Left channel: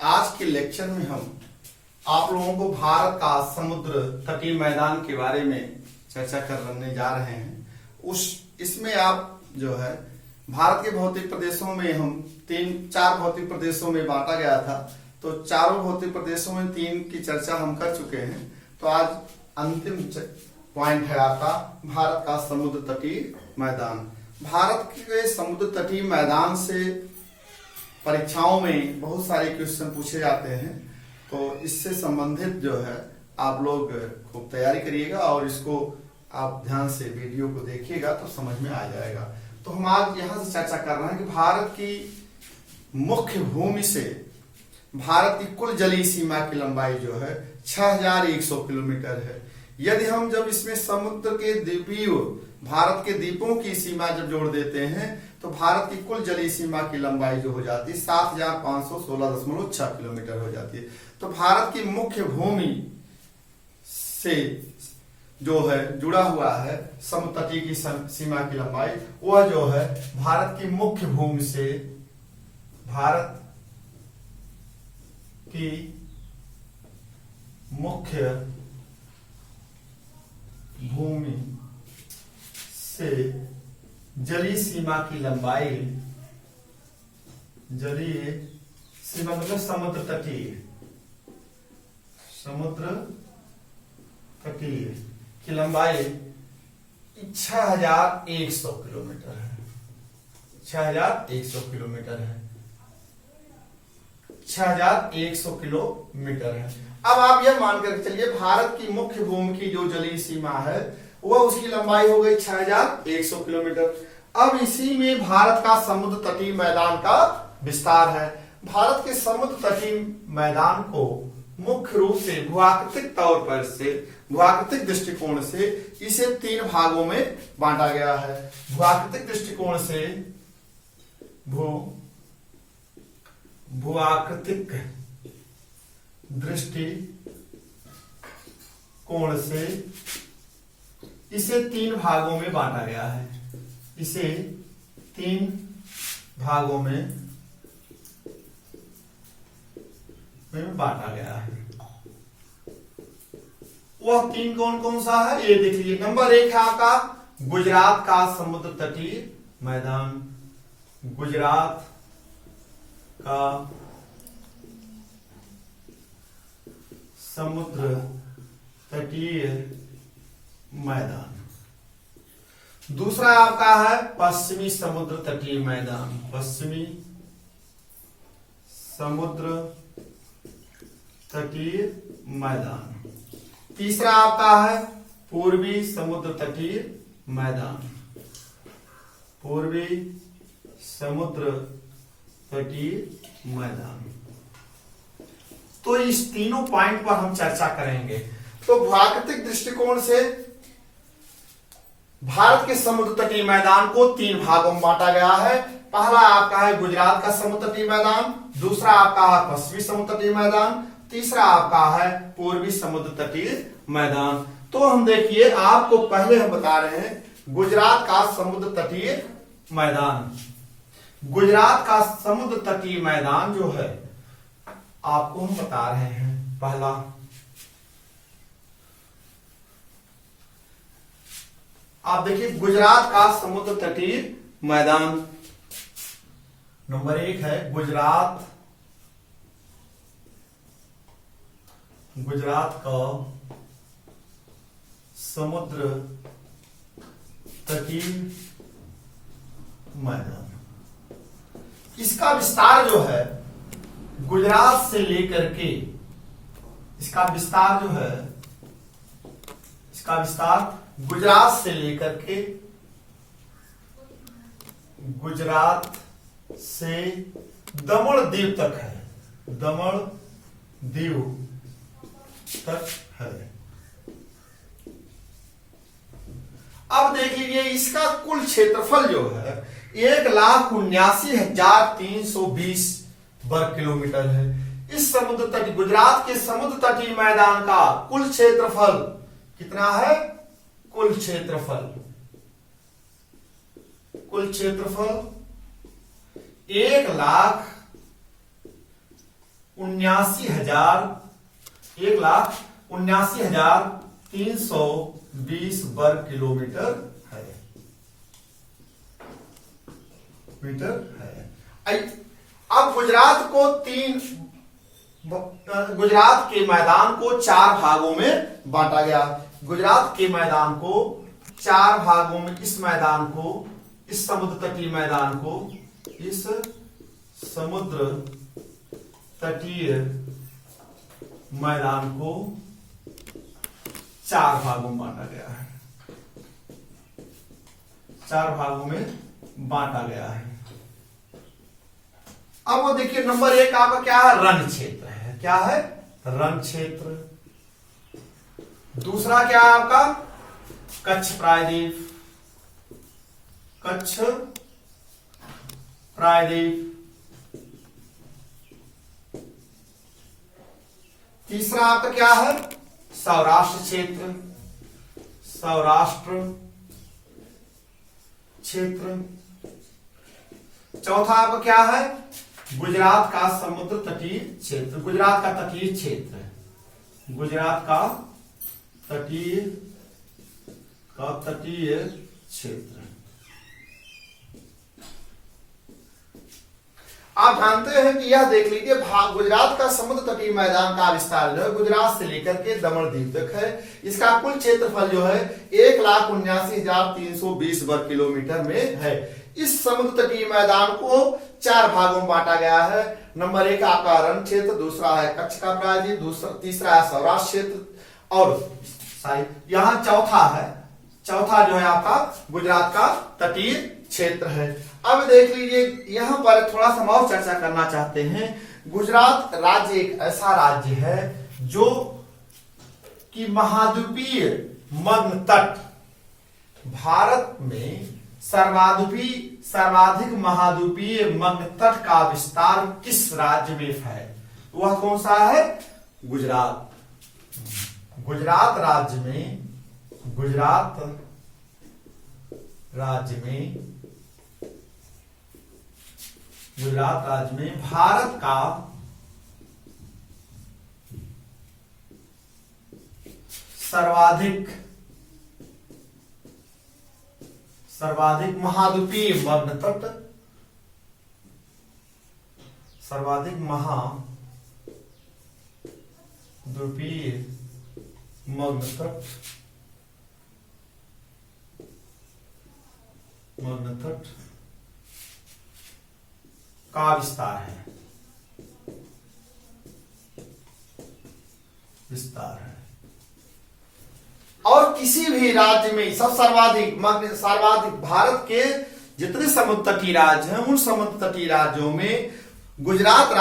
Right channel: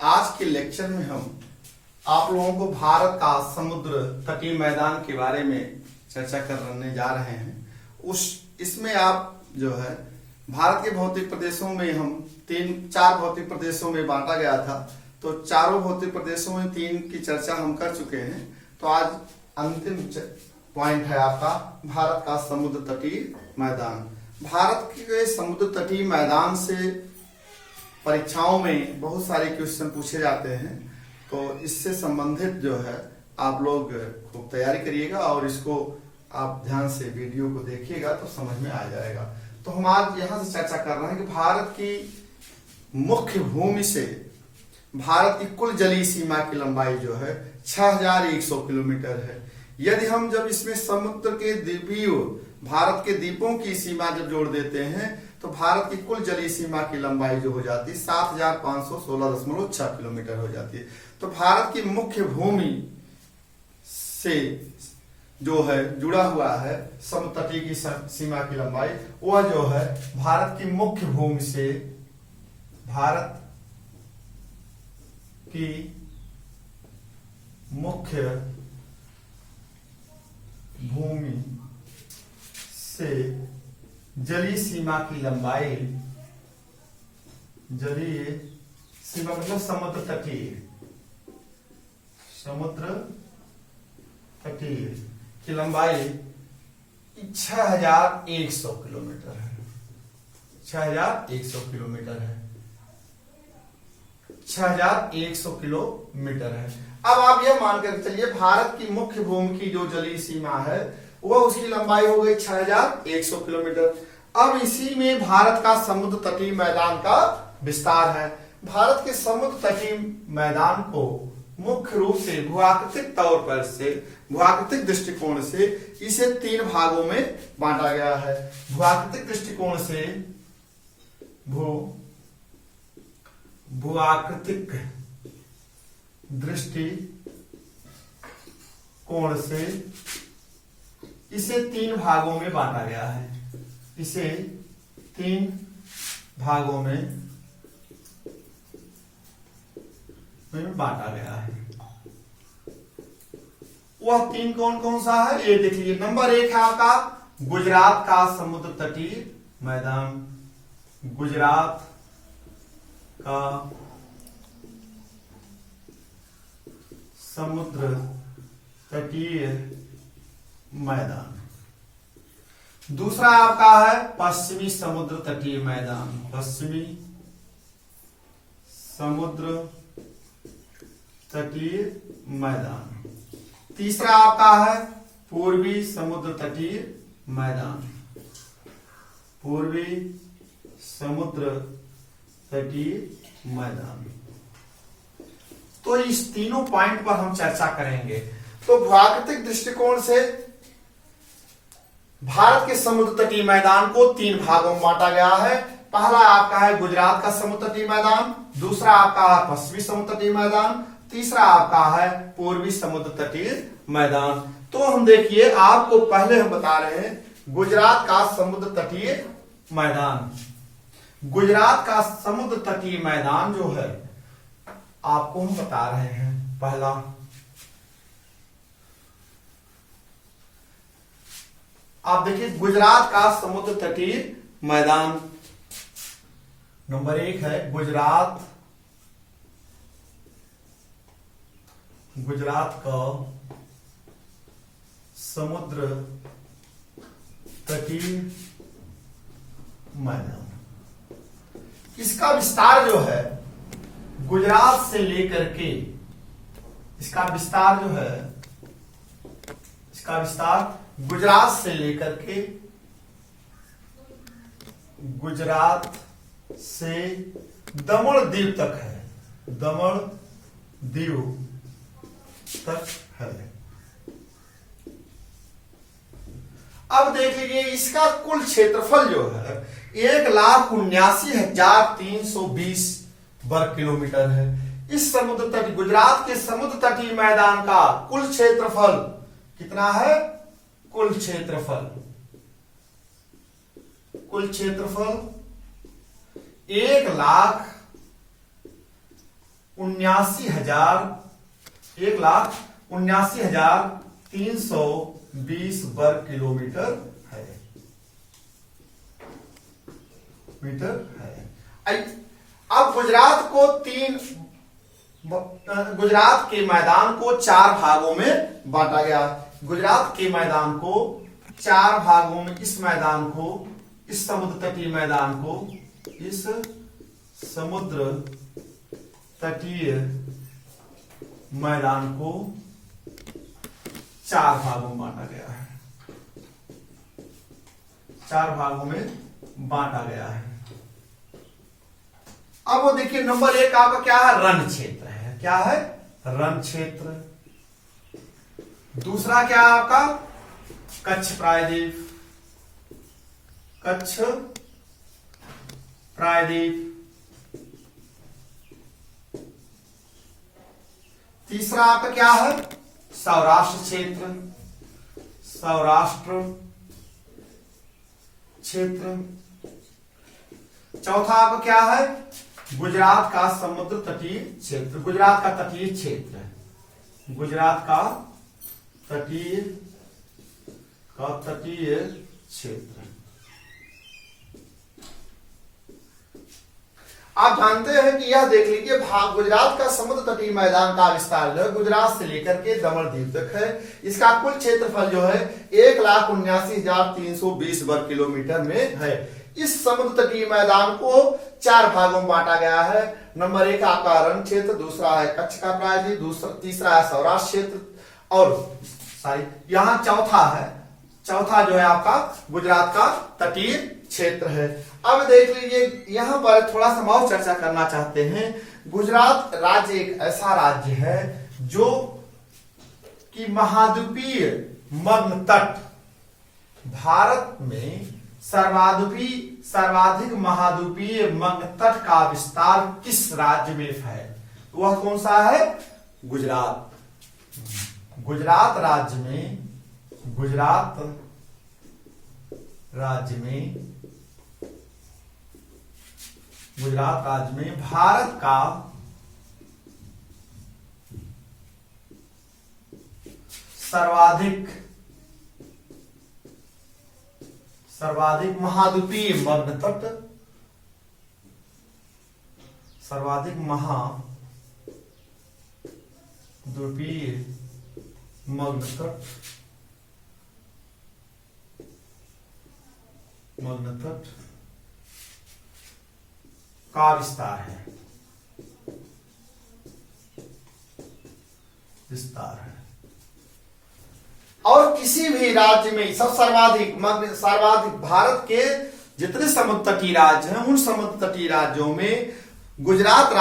आज के लेक्चर में हम आप लोगों को भारत का समुद्र तटीय मैदान के बारे में चर्चा करने जा रहे हैं। इसमें आप जो है भारत के भौतिक प्रदेशों में हम चार भौतिक प्रदेशों में बांटा गया था, तो चारों भौतिक प्रदेशों में 3 की चर्चा हम कर चुके हैं। तो आज अंतिम पॉइंट है आपका भारत का समुद्र तटीय मैदान। भारत के समुद्र तटीय मैदान से परीक्षाओं में बहुत सारे क्वेश्चन पूछे जाते हैं, तो इससे संबंधित जो है आप लोग खूब तैयारी करिएगा और इसको आप ध्यान से वीडियो को देखिएगा तो समझ में आ जाएगा। तो हम आज यहां से चर्चा कर रहे हैं कि भारत की मुख्य भूमि से भारत की कुल जलीय सीमा की लंबाई जो है 6100 किलोमीटर है। यदि हम जब इसमें समुद्र के द्वीपीय भारत के द्वीपों की सीमा जब जोड़ देते हैं तो भारत की कुल जलीय सीमा की लंबाई जो हो जाती है 7516.6 किलोमीटर हो जाती है। तो भारत की मुख्य भूमि से जो है जुड़ा हुआ है समुद्र तटीय की सीमा की लंबाई, वह जो है भारत की मुख्य भूमि से भारत की मुख्य भूमि से जलीय सीमा की लंबाई, जलीय सीमा मतलब समुद्र तटीय की लंबाई 6100 किलोमीटर है। 6100 किलोमीटर है। 6100 किलोमीटर है। अब आप यह मानकर चलिए भारत की मुख्य भूमि की जो जलीय सीमा है वह उसकी लंबाई हो गई 6100 किलोमीटर। अब इसी में भारत का समुद्र तटीय मैदान का विस्तार है। भारत के समुद्र तटीय मैदान को मुख्य रूप से भूआकृतिक तौर पर से भूआकृतिक दृष्टिकोण से इसे 3 भागों में बांटा गया है। भूआकृतिक दृष्टिकोण से भूआकृतिक दृष्टिकोण से इसे 3 भागों में बांटा गया है। इसे 3 भागों में बांटा गया है। वह 3 कौन कौन सा है ये देख लीजिए। नंबर 1 है आपका गुजरात का समुद्र तटीय मैदान। गुजरात का समुद्र तटीय मैदान। दूसरा आपका है पश्चिमी समुद्र तटीय मैदान। पश्चिमी समुद्र तटीय मैदान। तीसरा आपका है पूर्वी समुद्र तटीय मैदान। पूर्वी समुद्र तटीय मैदान। तो इस तीनों पॉइंट पर हम चर्चा करेंगे। तो भूआकृतिक दृष्टिकोण से भारत के समुद्र तटीय मैदान को 3 भागों में बांटा गया है। पहला आपका है गुजरात का समुद्र तटीय मैदान, दूसरा आपका है पश्चिमी समुद्र तटीय मैदान, तीसरा आपका है पूर्वी समुद्र तटीय मैदान। तो हम देखिए आपको पहले हम बता रहे हैं गुजरात का समुद्र तटीय मैदान। गुजरात का समुद्र तटीय मैदान जो है आपको हम बता रहे हैं। पहला आप देखिए गुजरात का समुद्र तटीय मैदान। नंबर 1 है गुजरात का समुद्र तटीय मैदान। इसका विस्तार जो है गुजरात से लेकर के इसका विस्तार गुजरात से लेकर के गुजरात से दमन दीव तक है। दमन दीव तक है। अब देख लीजिए इसका कुल क्षेत्रफल जो है 1,79,320 वर्ग किलोमीटर है। इस समुद्र तटीय गुजरात के समुद्र तटीय मैदान का कुल क्षेत्रफल कितना है? कुल क्षेत्रफल 1,79,320 1,79,320 वर्ग किलोमीटर है। अब गुजरात के मैदान को 4 भागों में बांटा गया। गुजरात के मैदान को 4 भागों में, इस समुद्र तटीय मैदान को 4 भागों में बांटा गया है। 4 भागों में बांटा गया है। अब वो देखिए, नंबर 1 आपका क्या है? रण क्षेत्र है। क्या है? रण क्षेत्र। दूसरा क्या है आपका? कच्छ प्रायद्वीप। तीसरा आपका क्या है? सौराष्ट्र क्षेत्र। चौथा आपका क्या है? गुजरात का समुद्र तटीय क्षेत्र। गुजरात का तटीय क्षेत्र। आप जानते हैं कि यह देख लीजिए, गुजरात का समुद्र तटीय मैदान का विस्तार जो है गुजरात से लेकर के दमन द्वीप तक है। इसका कुल क्षेत्रफल जो है 1,79,320 वर्ग किलोमीटर में है। इस समुद्र तटीय मैदान को 4 भागों में बांटा गया है। नंबर 1 आपका रण क्षेत्र, दूसरा है कच्छ का प्रायद्वीप, तीसरा है सौराष्ट्र क्षेत्र, और यहाँ चौथा जो है आपका गुजरात का तटीय क्षेत्र है। अब देख लीजिए, यहां पर थोड़ा सा और चर्चा करना चाहते हैं। गुजरात राज्य एक ऐसा राज्य है जो कि महाद्वीपीय मग्न तट, भारत में सर्वाधिक महाद्वीपीय मग्न तट का विस्तार किस राज्य में है? वह कौन सा है? गुजरात राज्य में भारत का सर्वाधिक महाद्वीपीय मग्न तट, मग्न तट का विस्तार है। और किसी भी राज्य में सर्वाधिक भारत के जितने समुद्र तटीय राज्य हैं, उन समुद्र तटीय राज्यों में गुजरात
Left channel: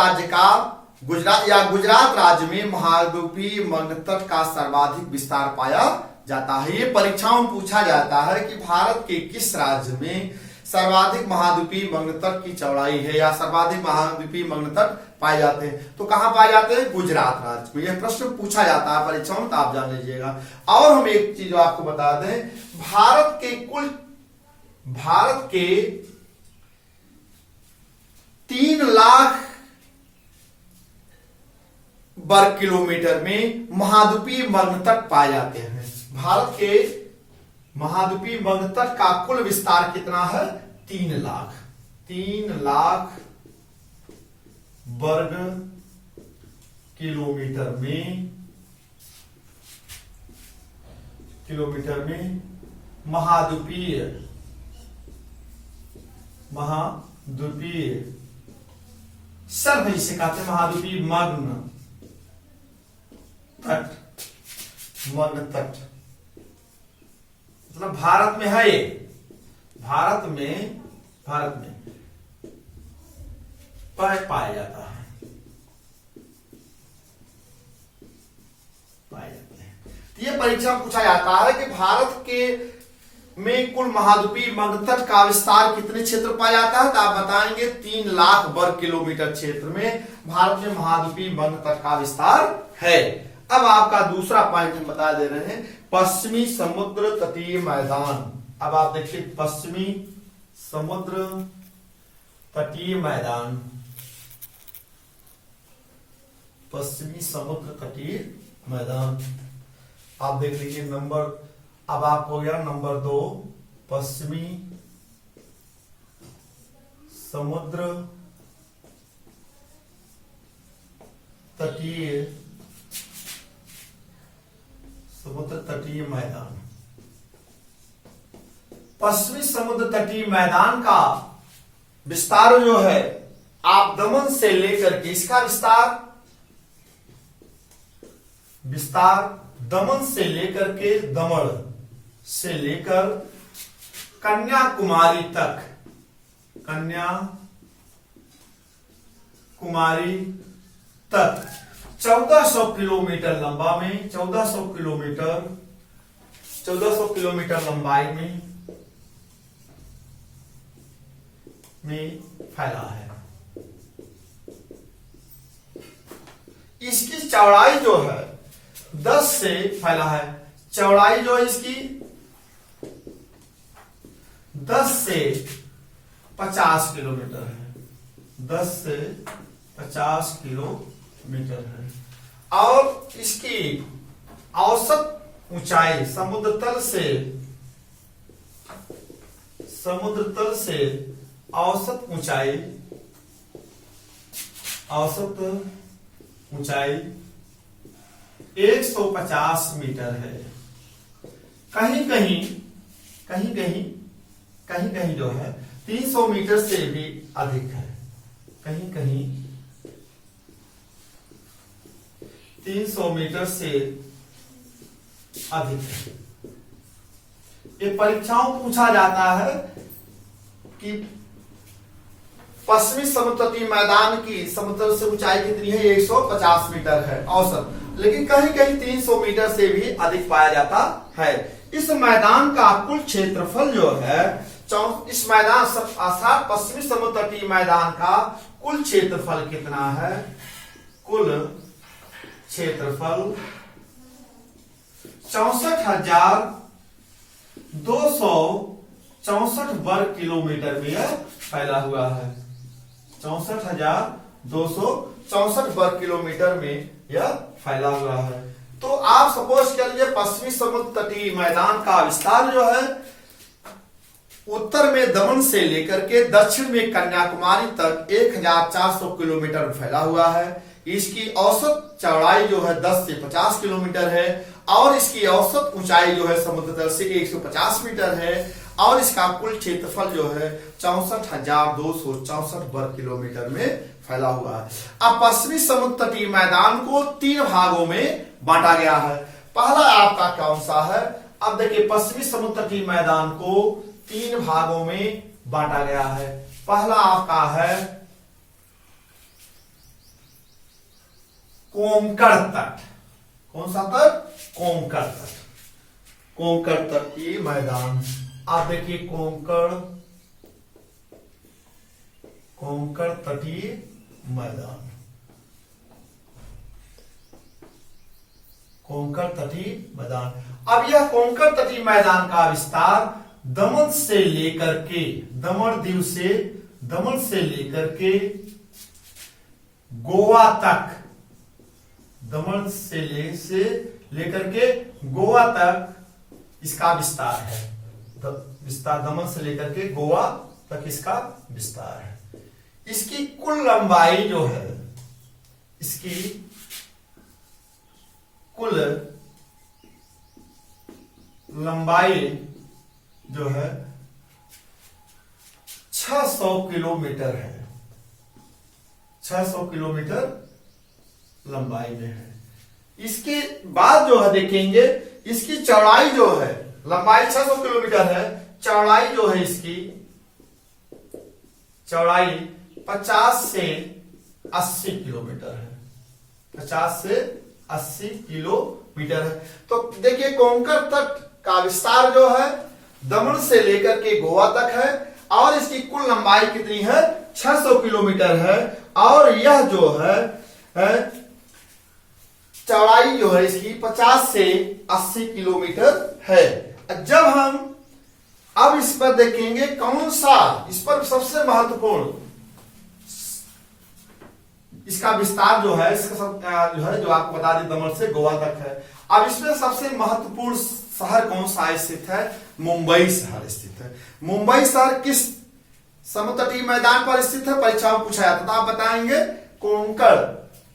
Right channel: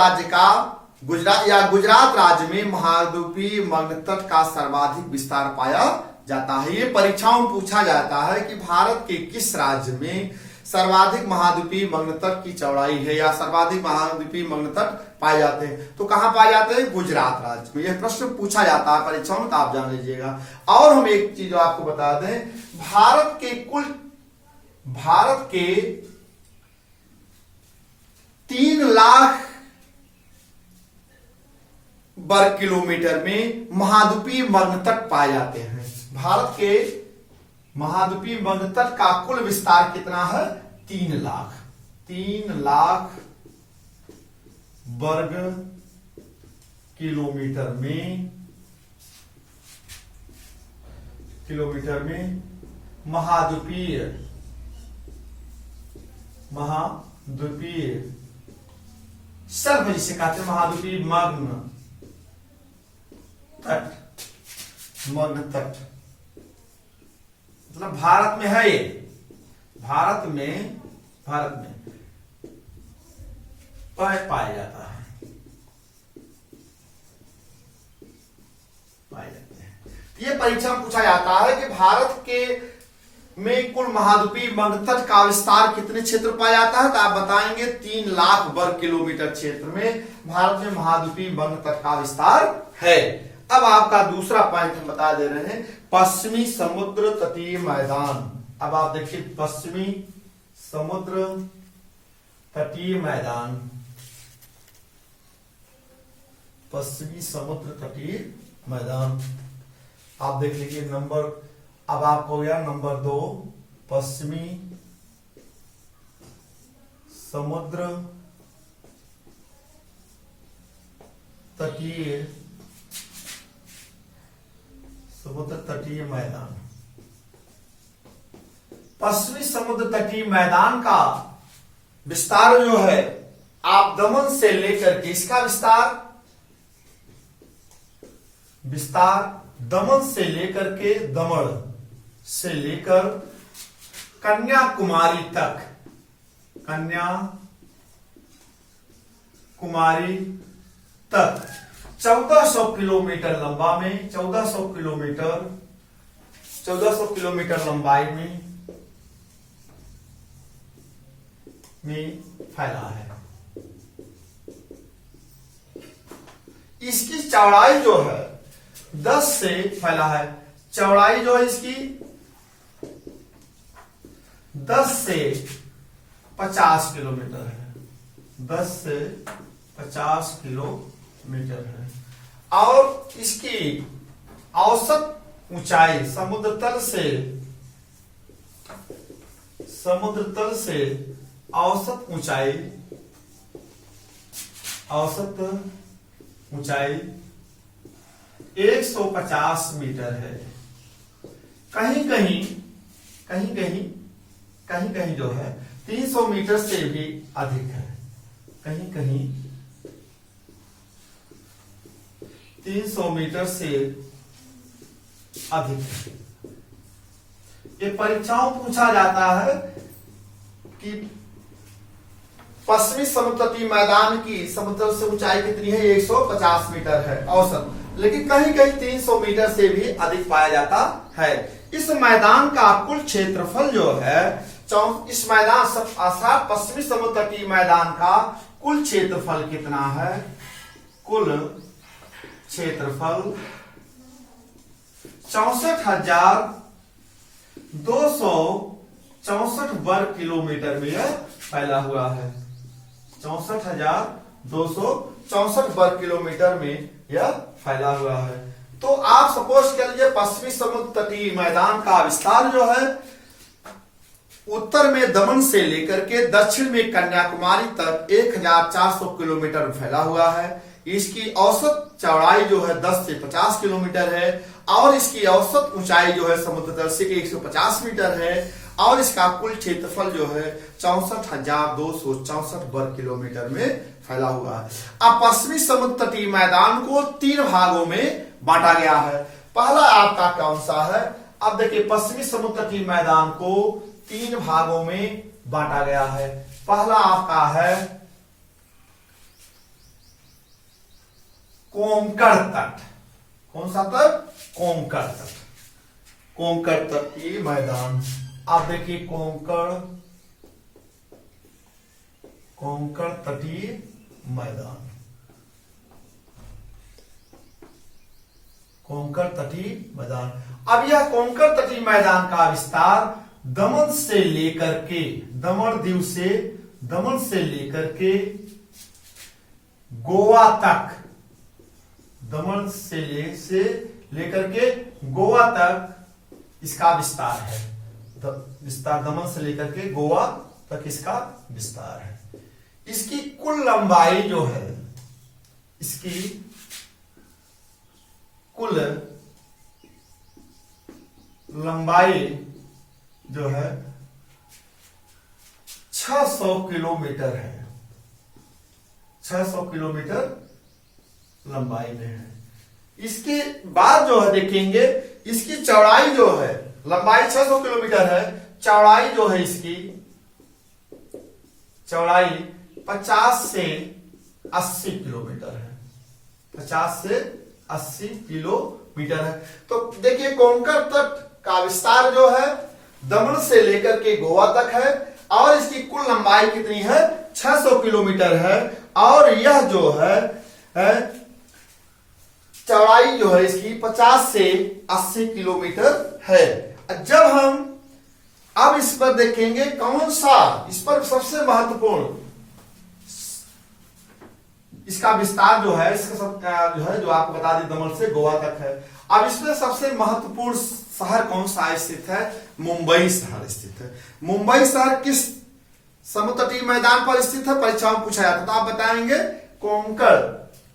राज्य में महाद्वीपीय मग्न तट का सर्वाधिक विस्तार पाया जाता है। ये परीक्षाओं में पूछा जाता है कि भारत के किस राज्य में सर्वाधिक महाद्वीपीय मग्न तट की चौड़ाई है या सर्वाधिक महाद्वीपीय मग्न तट पाए जाते हैं। तो कहां पाए जाते हैं? गुजरात राज्य में। यह प्रश्न पूछा जाता है परीक्षाओं में, तो आप जान लीजिएगा। और हम एक चीज आपको बता दें, भारत के 3 लाख वर्ग किलोमीटर में महाद्वीपीय मग्न तट पाए जाते हैं। भारत के महाद्वीपीय मग्न तट का कुल विस्तार कितना है? 3 लाख वर्ग किलोमीटर में महाद्वीपीय सर्व जिसे कहते हैं महाद्वीपीय मग्न तट मतलब भारत में है। ये भारत में पाया जाता है। तो ये परीक्षा में पूछा जाता है कि भारत के में कुल महाद्वीपीय मग्न तट का विस्तार कितने क्षेत्र पाया जाता है? तो आप बताएंगे 3 लाख वर्ग किलोमीटर क्षेत्र में भारत में महाद्वीपीय मग्न तट का विस्तार है। अब आपका दूसरा पॉइंट हम बता दे रहे हैं, पश्चिमी समुद्र तटीय मैदान। अब आप देखिए, पश्चिमी समुद्र तटीय मैदान पश्चिमी समुद्र तटीय मैदान। आप देख लीजिए नंबर, अब आपको हो गया नंबर 2 पश्चिमी समुद्र तटीय मैदान। पश्चिमी समुद्र तटीय मैदान का विस्तार जो है आप दमन से लेकर के, इसका विस्तार दमन से लेकर के, दमन से लेकर कन्याकुमारी तक, कन्याकुमारी तक 1400 किलोमीटर लंबा में, 1400 किलोमीटर लंबाई में फैला है। इसकी चौड़ाई जो है 10 से फैला है, चौड़ाई जो है इसकी 10 से 50 किलोमीटर है, 10 से 50 किलोमीटर है। और इसकी औसत ऊंचाई समुद्र तल से औसत ऊंचाई 150 मीटर है। कहीं कहीं जो है 300 मीटर से भी अधिक है, कहीं 300 मीटर से अधिक है। ये परीक्षाओं पूछा जाता है कि पश्चिमी समुद्र तटीय मैदान की समुद्र से ऊंचाई कितनी है, 150 मीटर है औसत, लेकिन कहीं 300 मीटर से भी अधिक पाया जाता है। इस मैदान का कुल क्षेत्रफल जो है, इस मैदान अर्थात पश्चिमी समुद्र तटीय मैदान का कुल क्षेत्रफल कितना है, कुल क्षेत्रफल 64,264 वर्ग किलोमीटर में फैला हुआ है। 64,264 वर्ग किलोमीटर में यह फैला हुआ है। तो आप सपोज कर लीजिए पश्चिमी समुद्र तटीय मैदान का विस्तार जो है उत्तर में दमन से लेकर के दक्षिण में कन्याकुमारी तक 1400 किलोमीटर फैला हुआ है। इसकी औसत चौड़ाई जो है 10 से 50 किलोमीटर है और इसकी औसत ऊंचाई जो है समुद्र तल से 150 मीटर है और इसका कुल क्षेत्रफल जो है 64,264 वर्ग किलोमीटर में फैला हुआ है। अब पश्चिमी समुद्र तटीय मैदान को 3 भागों में बांटा गया है। पहला आपका कौन सा है, अब देखिए पश्चिमी समुद्र तटीय मैदान को 3 भागों में बांटा गया है। पहला आपका है कोंकण तट। कौन सा तट, कोंकण तट, कोंकण तटीय मैदान। आप देखिए कोंकण तटीय मैदान, कोंकण तटीय मैदान। अब यह कोंकण तटीय मैदान का विस्तार दमन से लेकर के, दमन से लेकर के गोवा तक, दमन से लेकर के गोवा तक इसका विस्तार है। विस्तार दमन से लेकर के गोवा तक इसका विस्तार है। इसकी कुल लंबाई जो है, इसकी कुल लंबाई जो है 600 किलोमीटर है, 600 किलोमीटर लंबाई में है। इसके बाद जो है देखेंगे इसकी चौड़ाई जो है, लंबाई 600 किलोमीटर है, चौड़ाई जो है इसकी चौड़ाई 50 से 80 किलोमीटर है, 50 से 80 किलोमीटर है। तो देखिए कोंकण तट का विस्तार जो है दमन से लेकर के गोवा तक है और इसकी कुल लंबाई कितनी है, 600 किलोमीटर है और यह जो है चौड़ाई जो है इसकी 50 से 80 किलोमीटर है। जब हम अब इस पर देखेंगे कौन सा, इस पर सबसे महत्वपूर्ण इसका विस्तार जो है, इसका सब जो है जो आपको बता दें दमन से गोवा तक है। अब इसमें सबसे महत्वपूर्ण शहर कौन सा स्थित है? मुंबई शहर स्थित है। मुंबई शहर किस समुद्र तटीय मैदान पर स्थित है? परीक्षा में पूछा जाता है तो आप बताएंगे कोंकण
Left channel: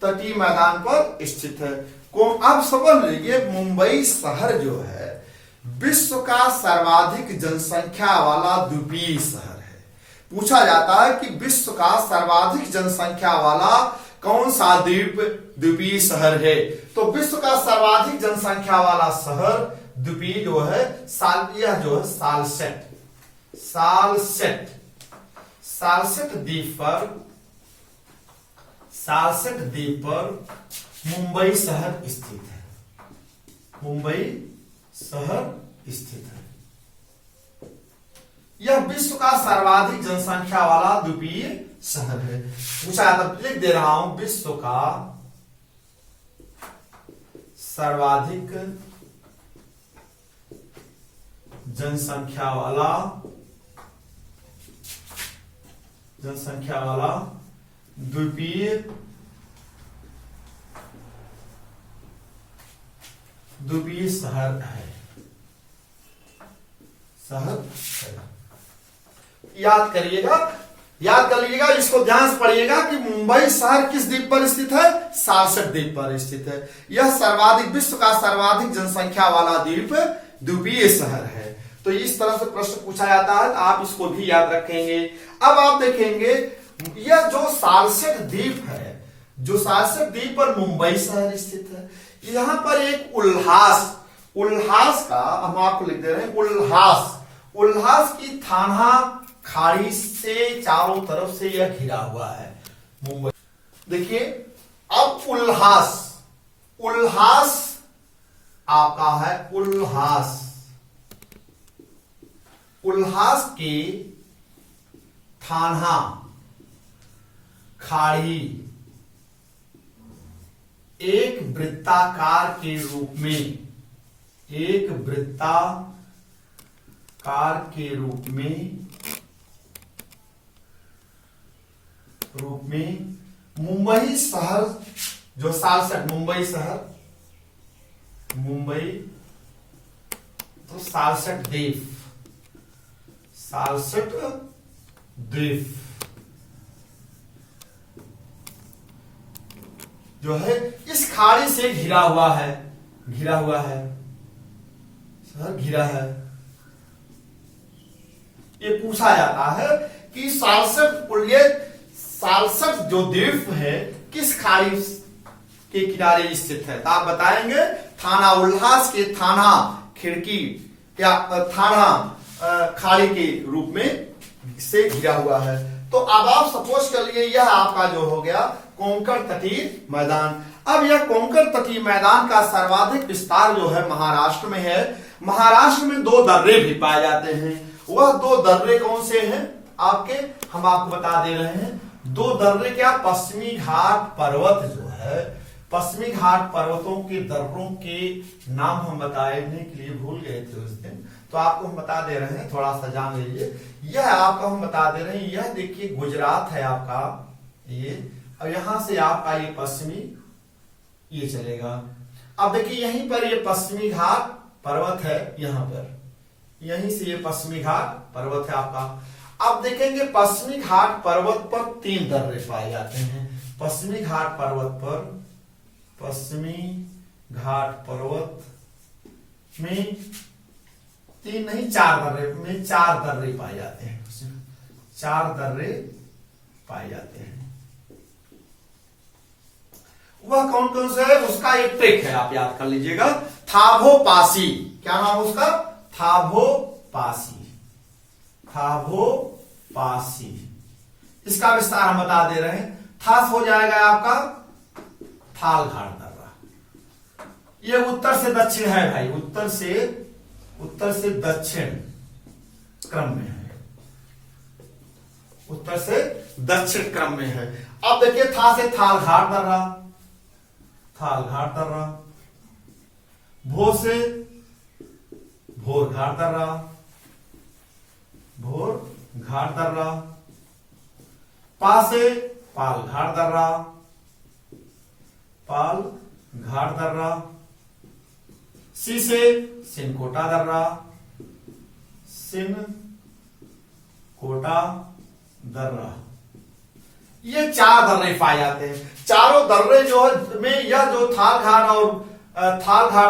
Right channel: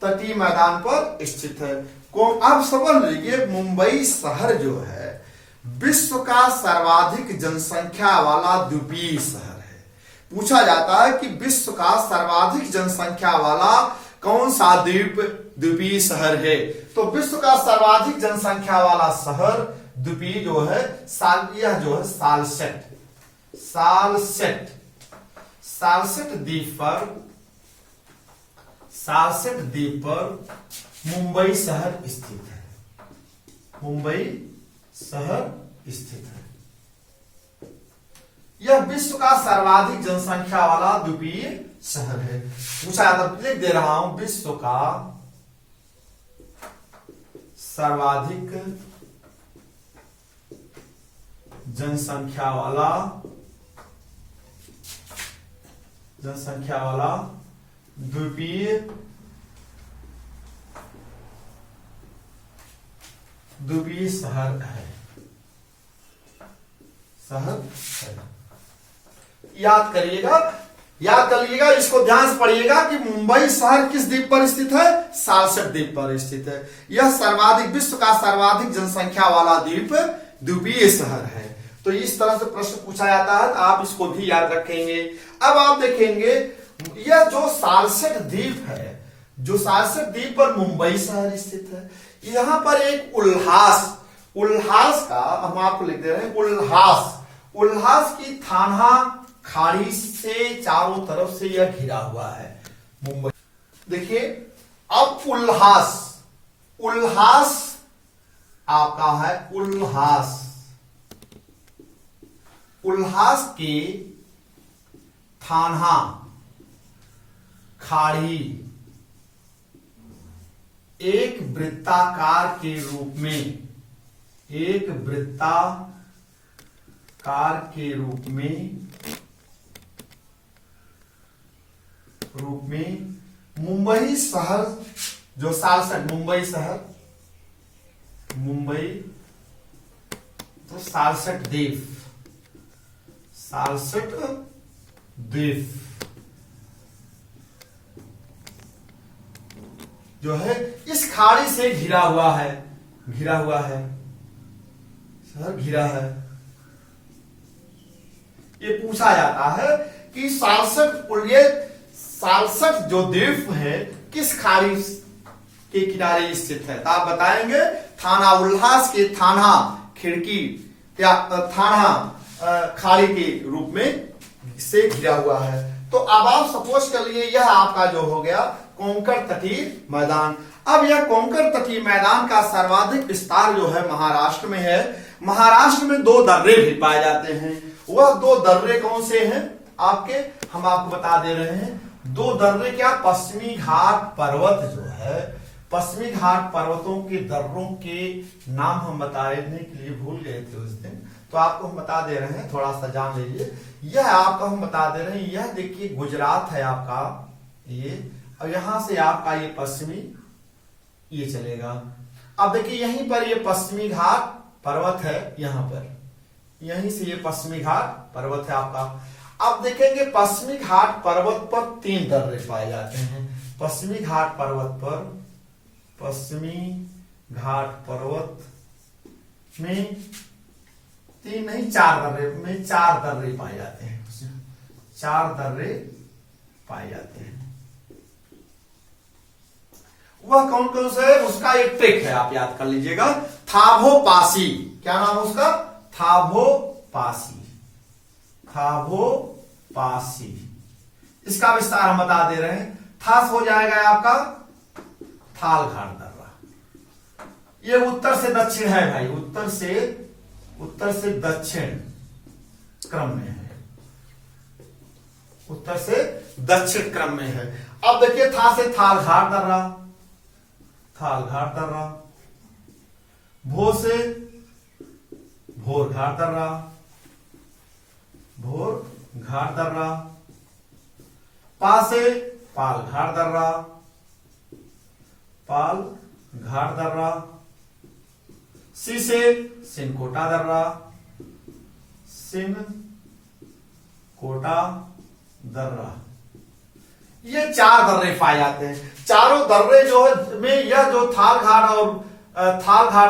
तटीय मैदान पर स्थित है। अब समझ लीजिए मुंबई शहर जो है विश्व का सर्वाधिक जनसंख्या वाला द्वीपीय शहर है। पूछा जाता है कि विश्व का सर्वाधिक जनसंख्या वाला कौन सा द्वीपीय शहर है? तो विश्व का सर्वाधिक जनसंख्या वाला शहर द्वीपीय जो है यह जो है सालसेट द्वीप पर मुंबई शहर स्थित है। मुंबई शहर स्थित है। यह विश्व का सर्वाधिक जनसंख्या वाला द्वीपीय शहर है। पूछा जाता, लिख दे रहा हूं, विश्व का सर्वाधिक जनसंख्या वाला द्वीपीय शहर है। याद कर लीजिएगा, इसको ध्यान से पढ़िएगा कि मुंबई शहर किस द्वीप पर स्थित है? सालसेट द्वीप पर स्थित है। यह विश्व का सर्वाधिक जनसंख्या वाला द्वीपीय शहर है। तो इस तरह से प्रश्न पूछा जाता है, आप इसको भी याद रखेंगे। अब आप देखेंगे यह जो सालसेट द्वीप है, जो सालसेट द्वीप पर मुंबई शहर स्थित है, यहां पर एक उल्हास का हम आपको लिख दे रहे हैं, उल्हास की थाना खाड़ी से चारों तरफ से यह घिरा हुआ है मुंबई। देखिए अब उल्हास आपका है, उल्हास के थाना खाड़ी एक वृत्ताकार के रूप में मुंबई शहर जो मुंबई तो सालसेट द्वीप जो है इस खाड़ी से घिरा हुआ है घिरा है। ये पूछा जाता है कि सालसेट जो द्वीप है किस खाड़ी के किनारे स्थित है? तो आप बताएंगे थाना उल्हास के थाना खिड़की क्या थाना खाड़ी के रूप में से घिरा हुआ है। तो अब आप सपोज कर लिए यह आपका जो हो गया कोंकण तटीय मैदान। अब यह कोंकण तटीय मैदान का सर्वाधिक विस्तार जो है महाराष्ट्र में है। महाराष्ट्र में 2 दर्रे भी पाए जाते हैं। वह 2 दर्रे कौन से हैं आपके? हम आपको बता दे रहे हैं। 2 दर्रे क्या? पश्चिमी घाट पर्वत जो है, पश्चिमी घाट पर्वतों के दर्रों के नाम हम बताने के लिए भूल गए थे उस दिन, तो आपको हम बता दे रहे हैं, थोड़ा सा जान लीजिए। यह आपको हम बता दे रहे हैं, यह देखिए गुजरात है आपका ये, अब यहां से आपका ये पश्चिमी ये चलेगा। अब देखिए यहीं पर ये पश्चिमी घाट पर्वत है, यहां पर यहीं से ये पश्चिमी घाट पर्वत है आपका। अब देखेंगे पश्चिमी घाट पर्वत पर 3 दर्रे पाए जाते हैं। पश्चिमी घाट पर्वत में 3 नहीं 4 दर्रे पाए जाते हैं। 4 दर्रे पाए जाते हैं। वह कौन कौन से है? उसका एक ट्रिक है, आप याद कर लीजिएगा। थाबोपासी, क्या नाम है उसका? थाबोपासी। इसका विस्तार हम बता दे रहे हैं। थास हो जाएगा आपका थाल घाट दर्रा। ये उत्तर से दक्षिण है भाई, उत्तर से दक्षिण क्रम में है, उत्तर से दक्षिण क्रम में है। अब देखिए था से थाल घाट दर्रा, भो से भोर घाट दर्रा, पा से पाल घाट दर्रा, पाल घाट दर्रा, सी से सिनकोटा दर्रा, सिनकोटा दर्रा। ये 4 दर्रे पाए जाते हैं। चारों दर्रे जो है में यह जो थाल घाट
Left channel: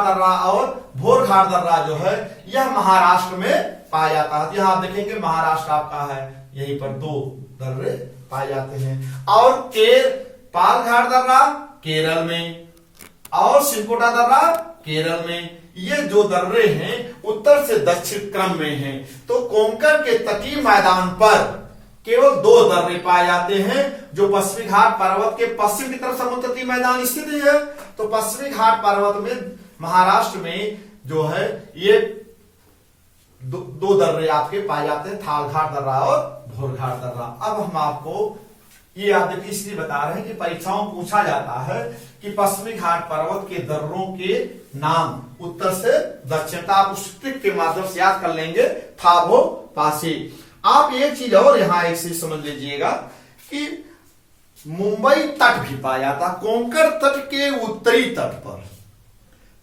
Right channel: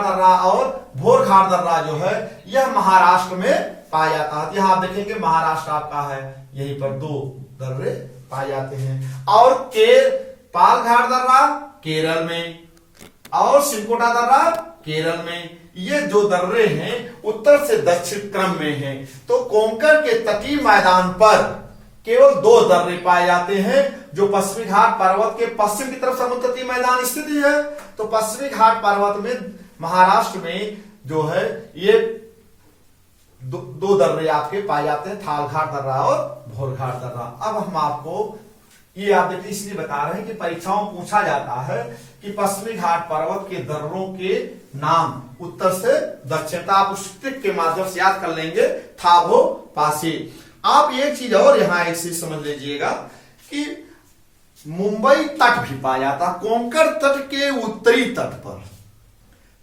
दर्रा और भोर घाट दर्रा जो है यह महाराष्ट्र में पाया जाता है। यहां आप देखेंगे महाराष्ट्र आपका है, यहीं पर 2 दर्रे पाए जाते हैं। और पाल घाट दर्रा केरल में और सिनकोटा दर्रा केरल में। ये जो दर्रे हैं उत्तर से दक्षिण क्रम में हैं। तो कोंकण के तटीय मैदान पर केवल 2 दर्रे पाए जाते हैं, जो पश्चिमी घाट पर्वत के पश्चिम की तरफ समुद्र तटीय मैदान स्थित है। तो पश्चिमी घाट पर्वत में महाराष्ट्र में जो है ये 2 दर्रे आपके पाए जाते हैं, थाल घाट दर्रा और भोर घाट दर्रा। अब हम आपको ये आप देखिए इसलिए बता रहे हैं कि परीक्षाओं में पूछा जाता है कि पश्चिमी घाट पर्वत के दर्रों के नाम उत्तर से दक्षिण। आप उस ट्रिक के माध्यम से याद कर लेंगे, थाबो पासी। आप एक चीज और यहां एक चीज समझ लीजिएगा कि मुंबई तट भी पाया जाता है कोंकण तट के उत्तरी तट पर,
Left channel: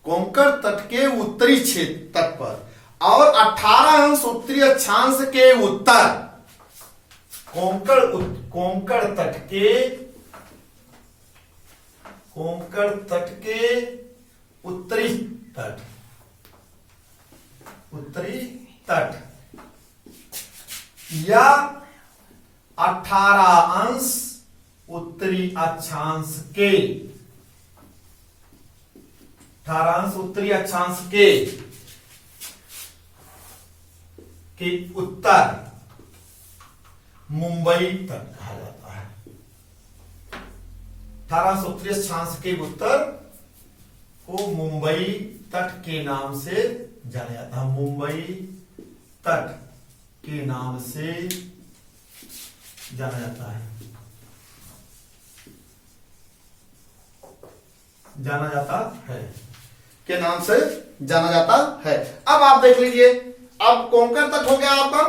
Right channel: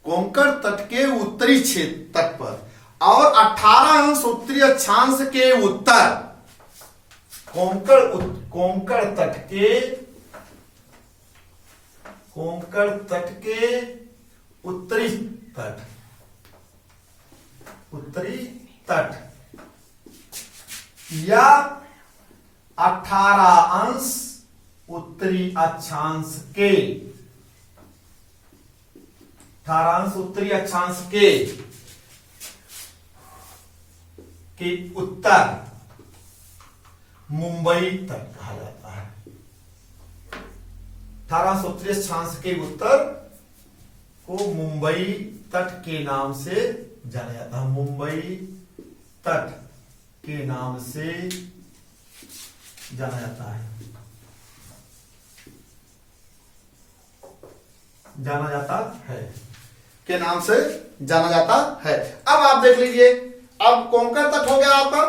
कोंकण तट के उत्तरी क्षेत्र तट पर, और 18 अंश उत्तरी अक्षांश के उत्तर कोंकण तट के उत्तरी तट या 18 अंश उत्तरी अक्षांश के 18 अंश उत्तरी अक्षांश के उत्तर मुंबई तट कहा जाता है। 18 अंश उत्तरी अक्षांश के उत्तर को मुंबई तट के नाम से जाना जाता है। मुंबई तट के नाम से जाना जाता है, के नाम से जाना जाता है। अब आप देख लीजिए, अब कोंकण तट हो गया आपका।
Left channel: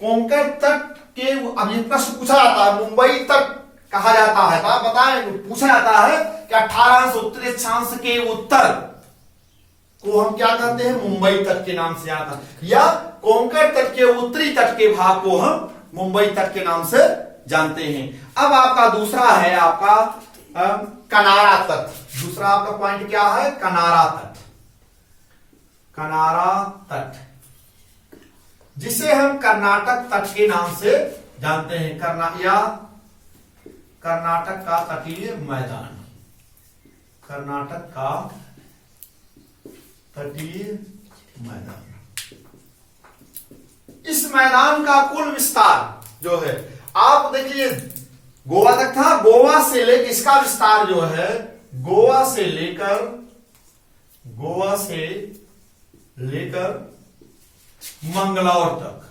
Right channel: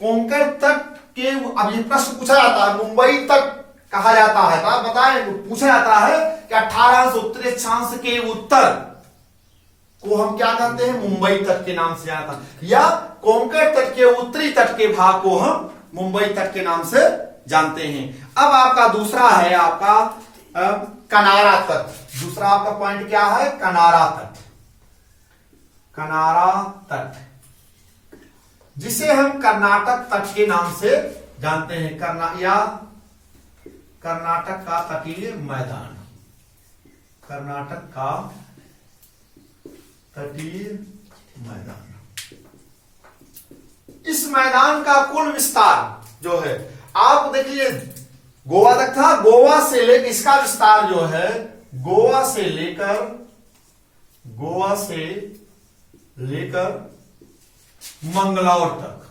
कोंकण तट के अब ये प्रश्न पूछा जाता है मुंबई तट कहा जाता है, तो आप बताएं, पूछा जाता है कि 18 अंश उत्तरी अक्षांश के उत्तर को हम क्या कहते हैं, मुंबई तट के नाम से जाता है, या कोंकण तट के उत्तरी तट के भाग को हम मुंबई तट के नाम से जानते हैं। अब आपका दूसरा है आपका कनारा तट। दूसरा आपका पॉइंट क्या है, कनारा तट। कनारा तट जिसे हम कर्नाटक तट के नाम से जानते हैं, कर्नाटक का तटीय मैदान, कर्नाटक का तटीय मैदान। इस मैदान का कुल विस्तार जो है आप देख लीजिए, गोवा तक था, गोवा से लेकर इसका विस्तार जो है गोवा से लेकर मंगलौर तक।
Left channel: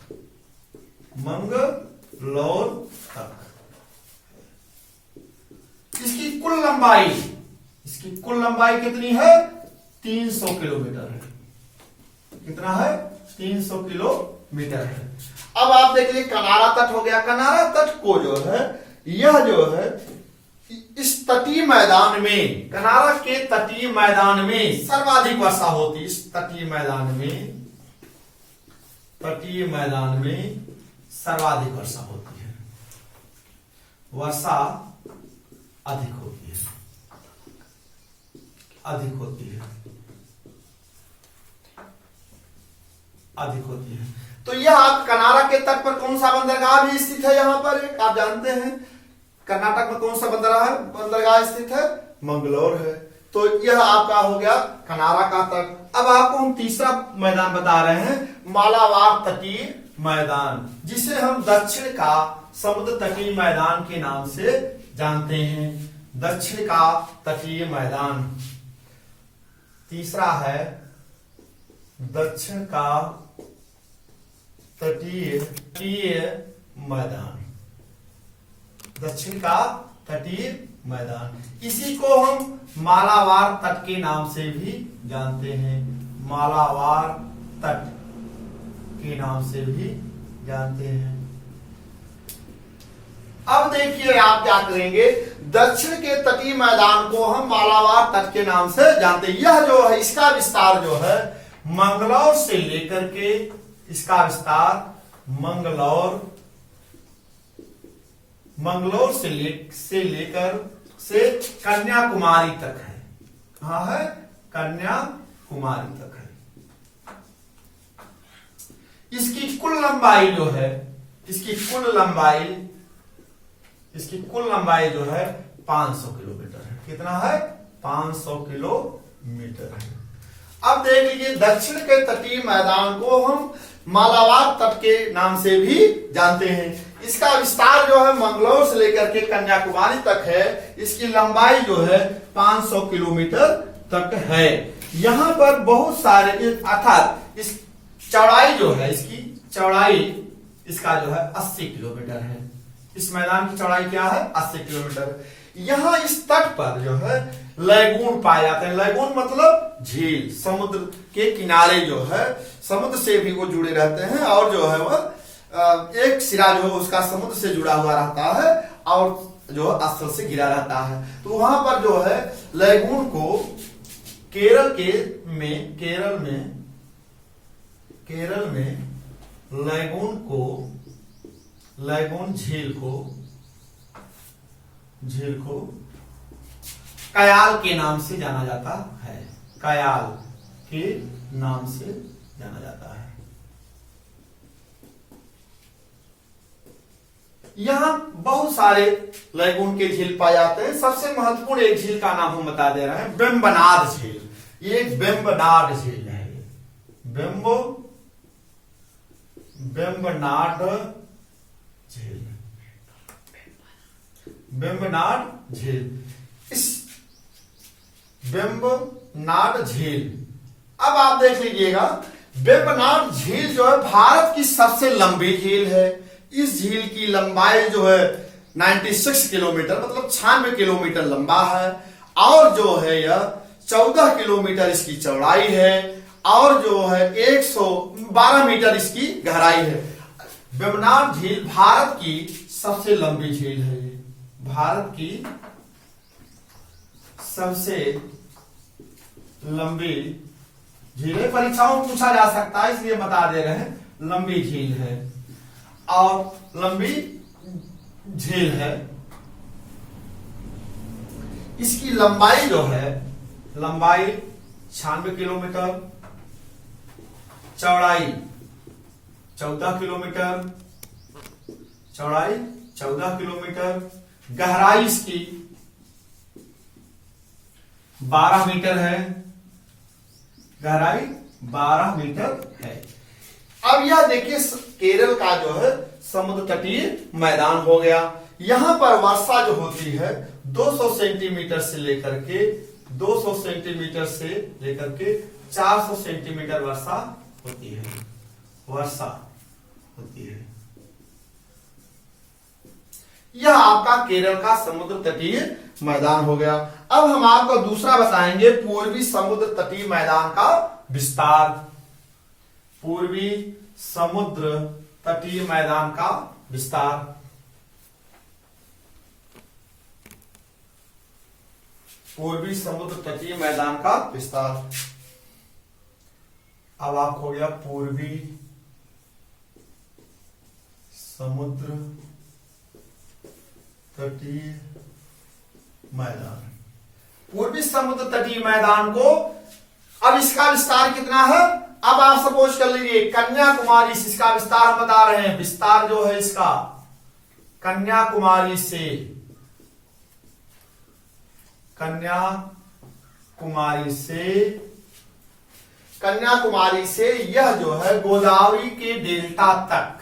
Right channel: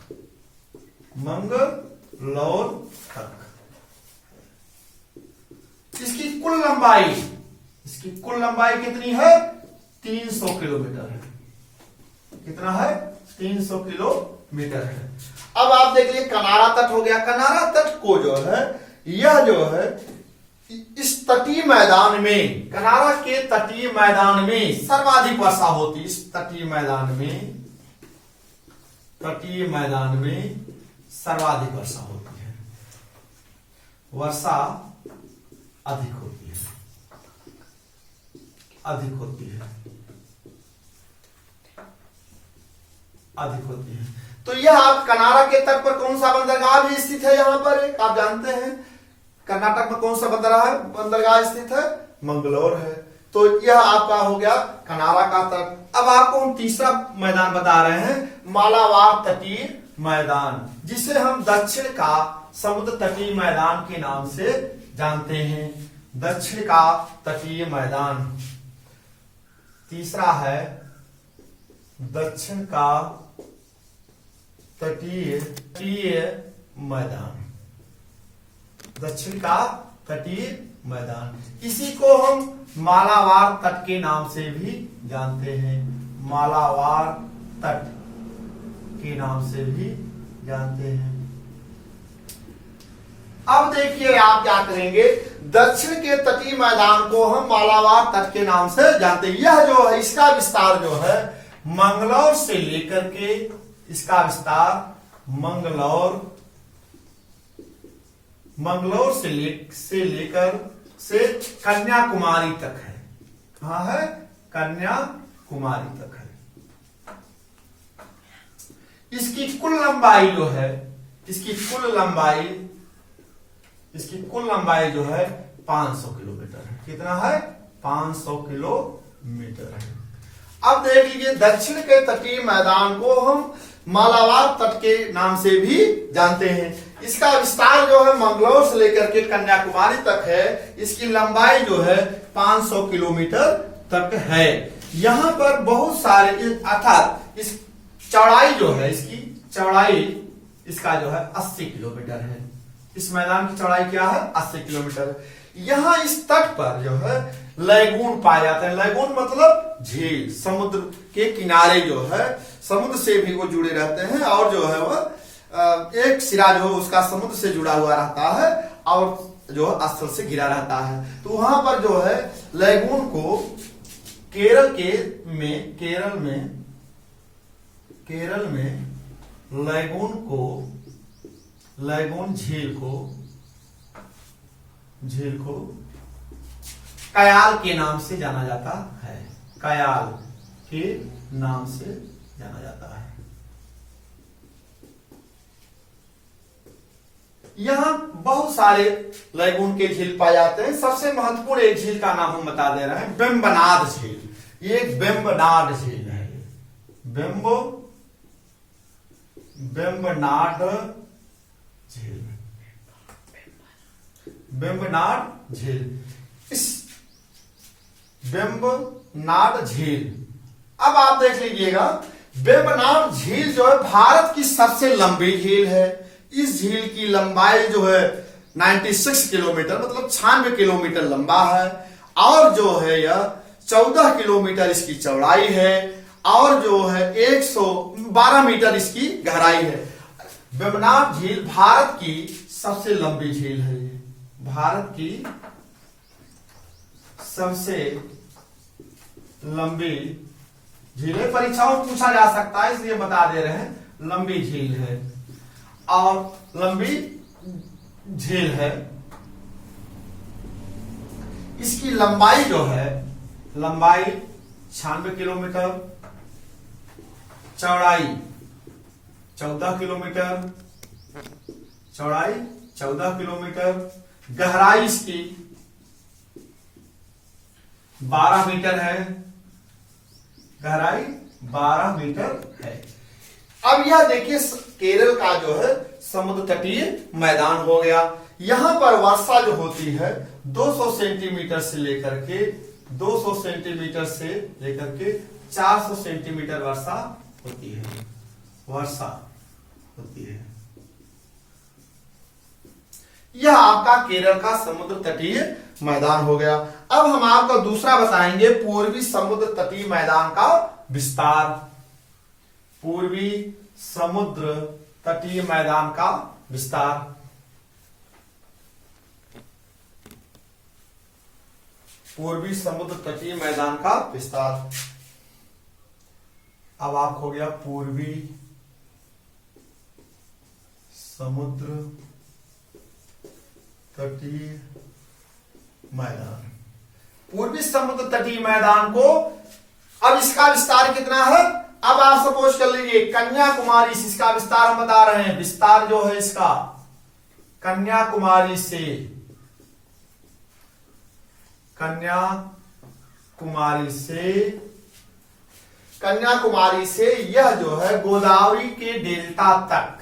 इसकी कुल लंबाई कितनी है, 300 किलोमीटर है। कितना है, 300 किलोमीटर है। अब आप देख लीजिए कनारा तट हो गया। कनारा तट को जो है यह जो है इस तटीय मैदान में, कनारा के तटीय मैदान में सर्वाधिक वर्षा होती है। इस तटीय मैदान में सर्वाधिक वर्षा होती है, वर्षा अधिक होती है। तो यह आप कनारा के तट पर कौन सा बंदरगाह भी स्थित है, यहां पर एक आप जानते हैं कर्नाटक में कौन सा बंदरगाह स्थित है, मंगलौर है। तो यह आपका हो गया कनारा का तट। अब आपको हम तीसरा मैदान बता रहे हैं, मालाबार तटीय मैदान, जिसे हम दक्षिण का समुद्र तटीय मैदान के नाम से जानते हैं। दक्षिण का तटीय मैदान तीसरा है, दक्षिण का तटीय मैदान, दक्षिण का तटीय मैदान। इसी को हम मालाबार तट के नाम से भी जानते हैं, मालाबार तट के नाम से भी जानते हैं। अब देखिए आप क्या करेंगे, दक्षिण के तटीय मैदान को हम मालाबार तट के नाम से जानते हैं। यह जो है इसका विस्तार जो है मंगलौर से लेकर के, इसका विस्तार मंगलौर से लेकर से कन्याकुमारी तक है। कहां है? कन्याकुमारी तक है। इसकी कुल लंबाई जो है, इसकी कुल लंबाई जो है 500 किलोमीटर है। कितना है? 500 किलोमीटर है। अब देख लीजिए, दक्षिण के तटीय मैदान को हम मालाबार तट के नाम से भी जानते हैं। इसका विस्तार जो है मंगलौर से लेकर के कन्याकुमारी तक है। इसकी लंबाई जो है 500 किलोमीटर तक है। यहां पर बहुत सारे, अर्थात इस चौड़ाई जो है, इसकी चौड़ाई इसका जो है 80 किलोमीटर है। इस मैदान की चौड़ाई क्या है? 80 किलोमीटर। यहां इस तट पर जो है लैगून पाए जाते हैं। लैगून मतलब झील, समुद्र के किनारे जो है समुद्र से भी वो जुड़े रहते हैं, और जो है वह एक सिरा जो है उसका समुद्र से जुड़ा हुआ रहता है और जो स्थल से घिरा रहता है। तो वहां पर जो है लैगून को केरल में लैगून झील को कयाल के नाम से जाना जाता है। कयाल के नाम से जाना जाता है। यहां बहुत सारे लैगून के झील पाए जाते हैं। सबसे महत्वपूर्ण एक झील का नाम हम बता दे रहे हैं, वेम्बनाड झील। ये एक वेम्बनाड झील है। वेम्बनाड झील। इस वेम्बनाड झील, अब आप देख लीजिएगा, वेम्बनाड झील जो है भारत की सबसे लंबी झील है। इस झील की लंबाई जो है 96 किलोमीटर, मतलब 96 किलोमीटर लंबा है, और जो है यह 14 किलोमीटर इसकी चौड़ाई है, और जो है 112 मीटर इसकी गहराई है। वेम्बनाड झील भारत की सबसे लंबी झील है। ये भारत की सबसे लंबी झील है। परीक्षाओं में पूछा जा सकता है, इसलिए बता दे रहे हैं, लंबी झील है और लंबी झील है। इसकी लंबाई जो है, लंबाई 96 किलोमीटर, चौड़ाई 14 किलोमीटर, चौड़ाई 14 किलोमीटर, गहराई इसकी 12 मीटर है। गहराई 12 मीटर है। अब यह देखिए केरल का जो है समुद्र तटीय मैदान हो गया। यहां पर वर्षा जो होती है 200 सेंटीमीटर से लेकर के 400 सेंटीमीटर वर्षा होती है। यह आपका केरल का समुद्र तटीय मैदान हो गया। अब हम आपको दूसरा बताएंगे, पूर्वी समुद्र तटीय मैदान का विस्तार। पूर्वी समुद्र तटीय मैदान का विस्तार। पूर्वी समुद्र तटीय मैदान का विस्तार। अब आप हो गया पूर्वी समुद्र तटीय मैदान। पूर्वी समुद्र तटीय मैदान को, अब इसका विस्तार कितना है? अब आप सपोज कर लीजिए कन्याकुमारी से, इसका विस्तार हम बता रहे हैं। विस्तार जो है इसका कन्याकुमारी से यह जो है गोदावरी के डेल्टा तक,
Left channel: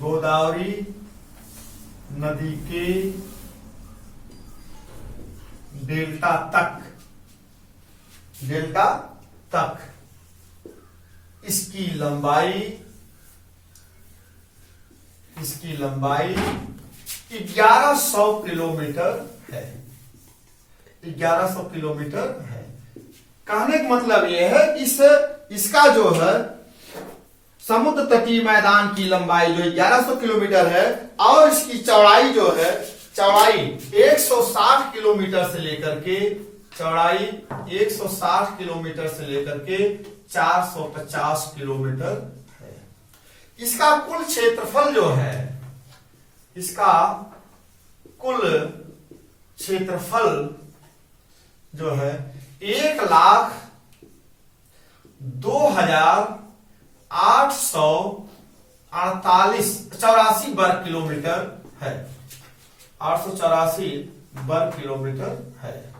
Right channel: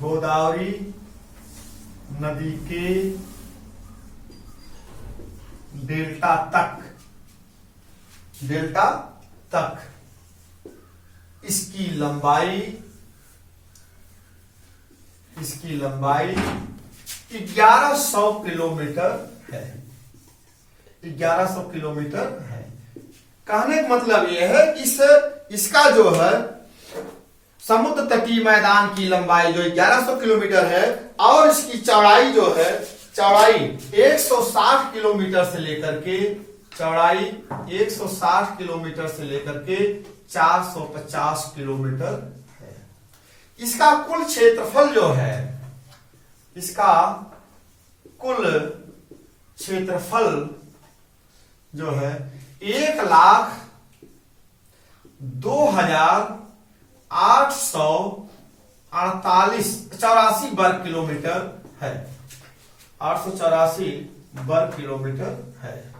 गोदावरी नदी के डेल्टा तक इसकी लंबाई 1100 किलोमीटर है। 1100 किलोमीटर है। कहने का मतलब यह है कि इसका जो है समुद्र तटीय मैदान की लंबाई जो 1100 किलोमीटर है, और इसकी चौड़ाई जो है चौड़ाई 160 किलोमीटर से लेकर के, चौड़ाई 160 किलोमीटर से लेकर के 450 किलोमीटर है। इसका कुल क्षेत्रफल जो है, इसका कुल क्षेत्रफल जो है 1,02,884 वर्ग किलोमीटर है, 884 वर्ग किलोमीटर है।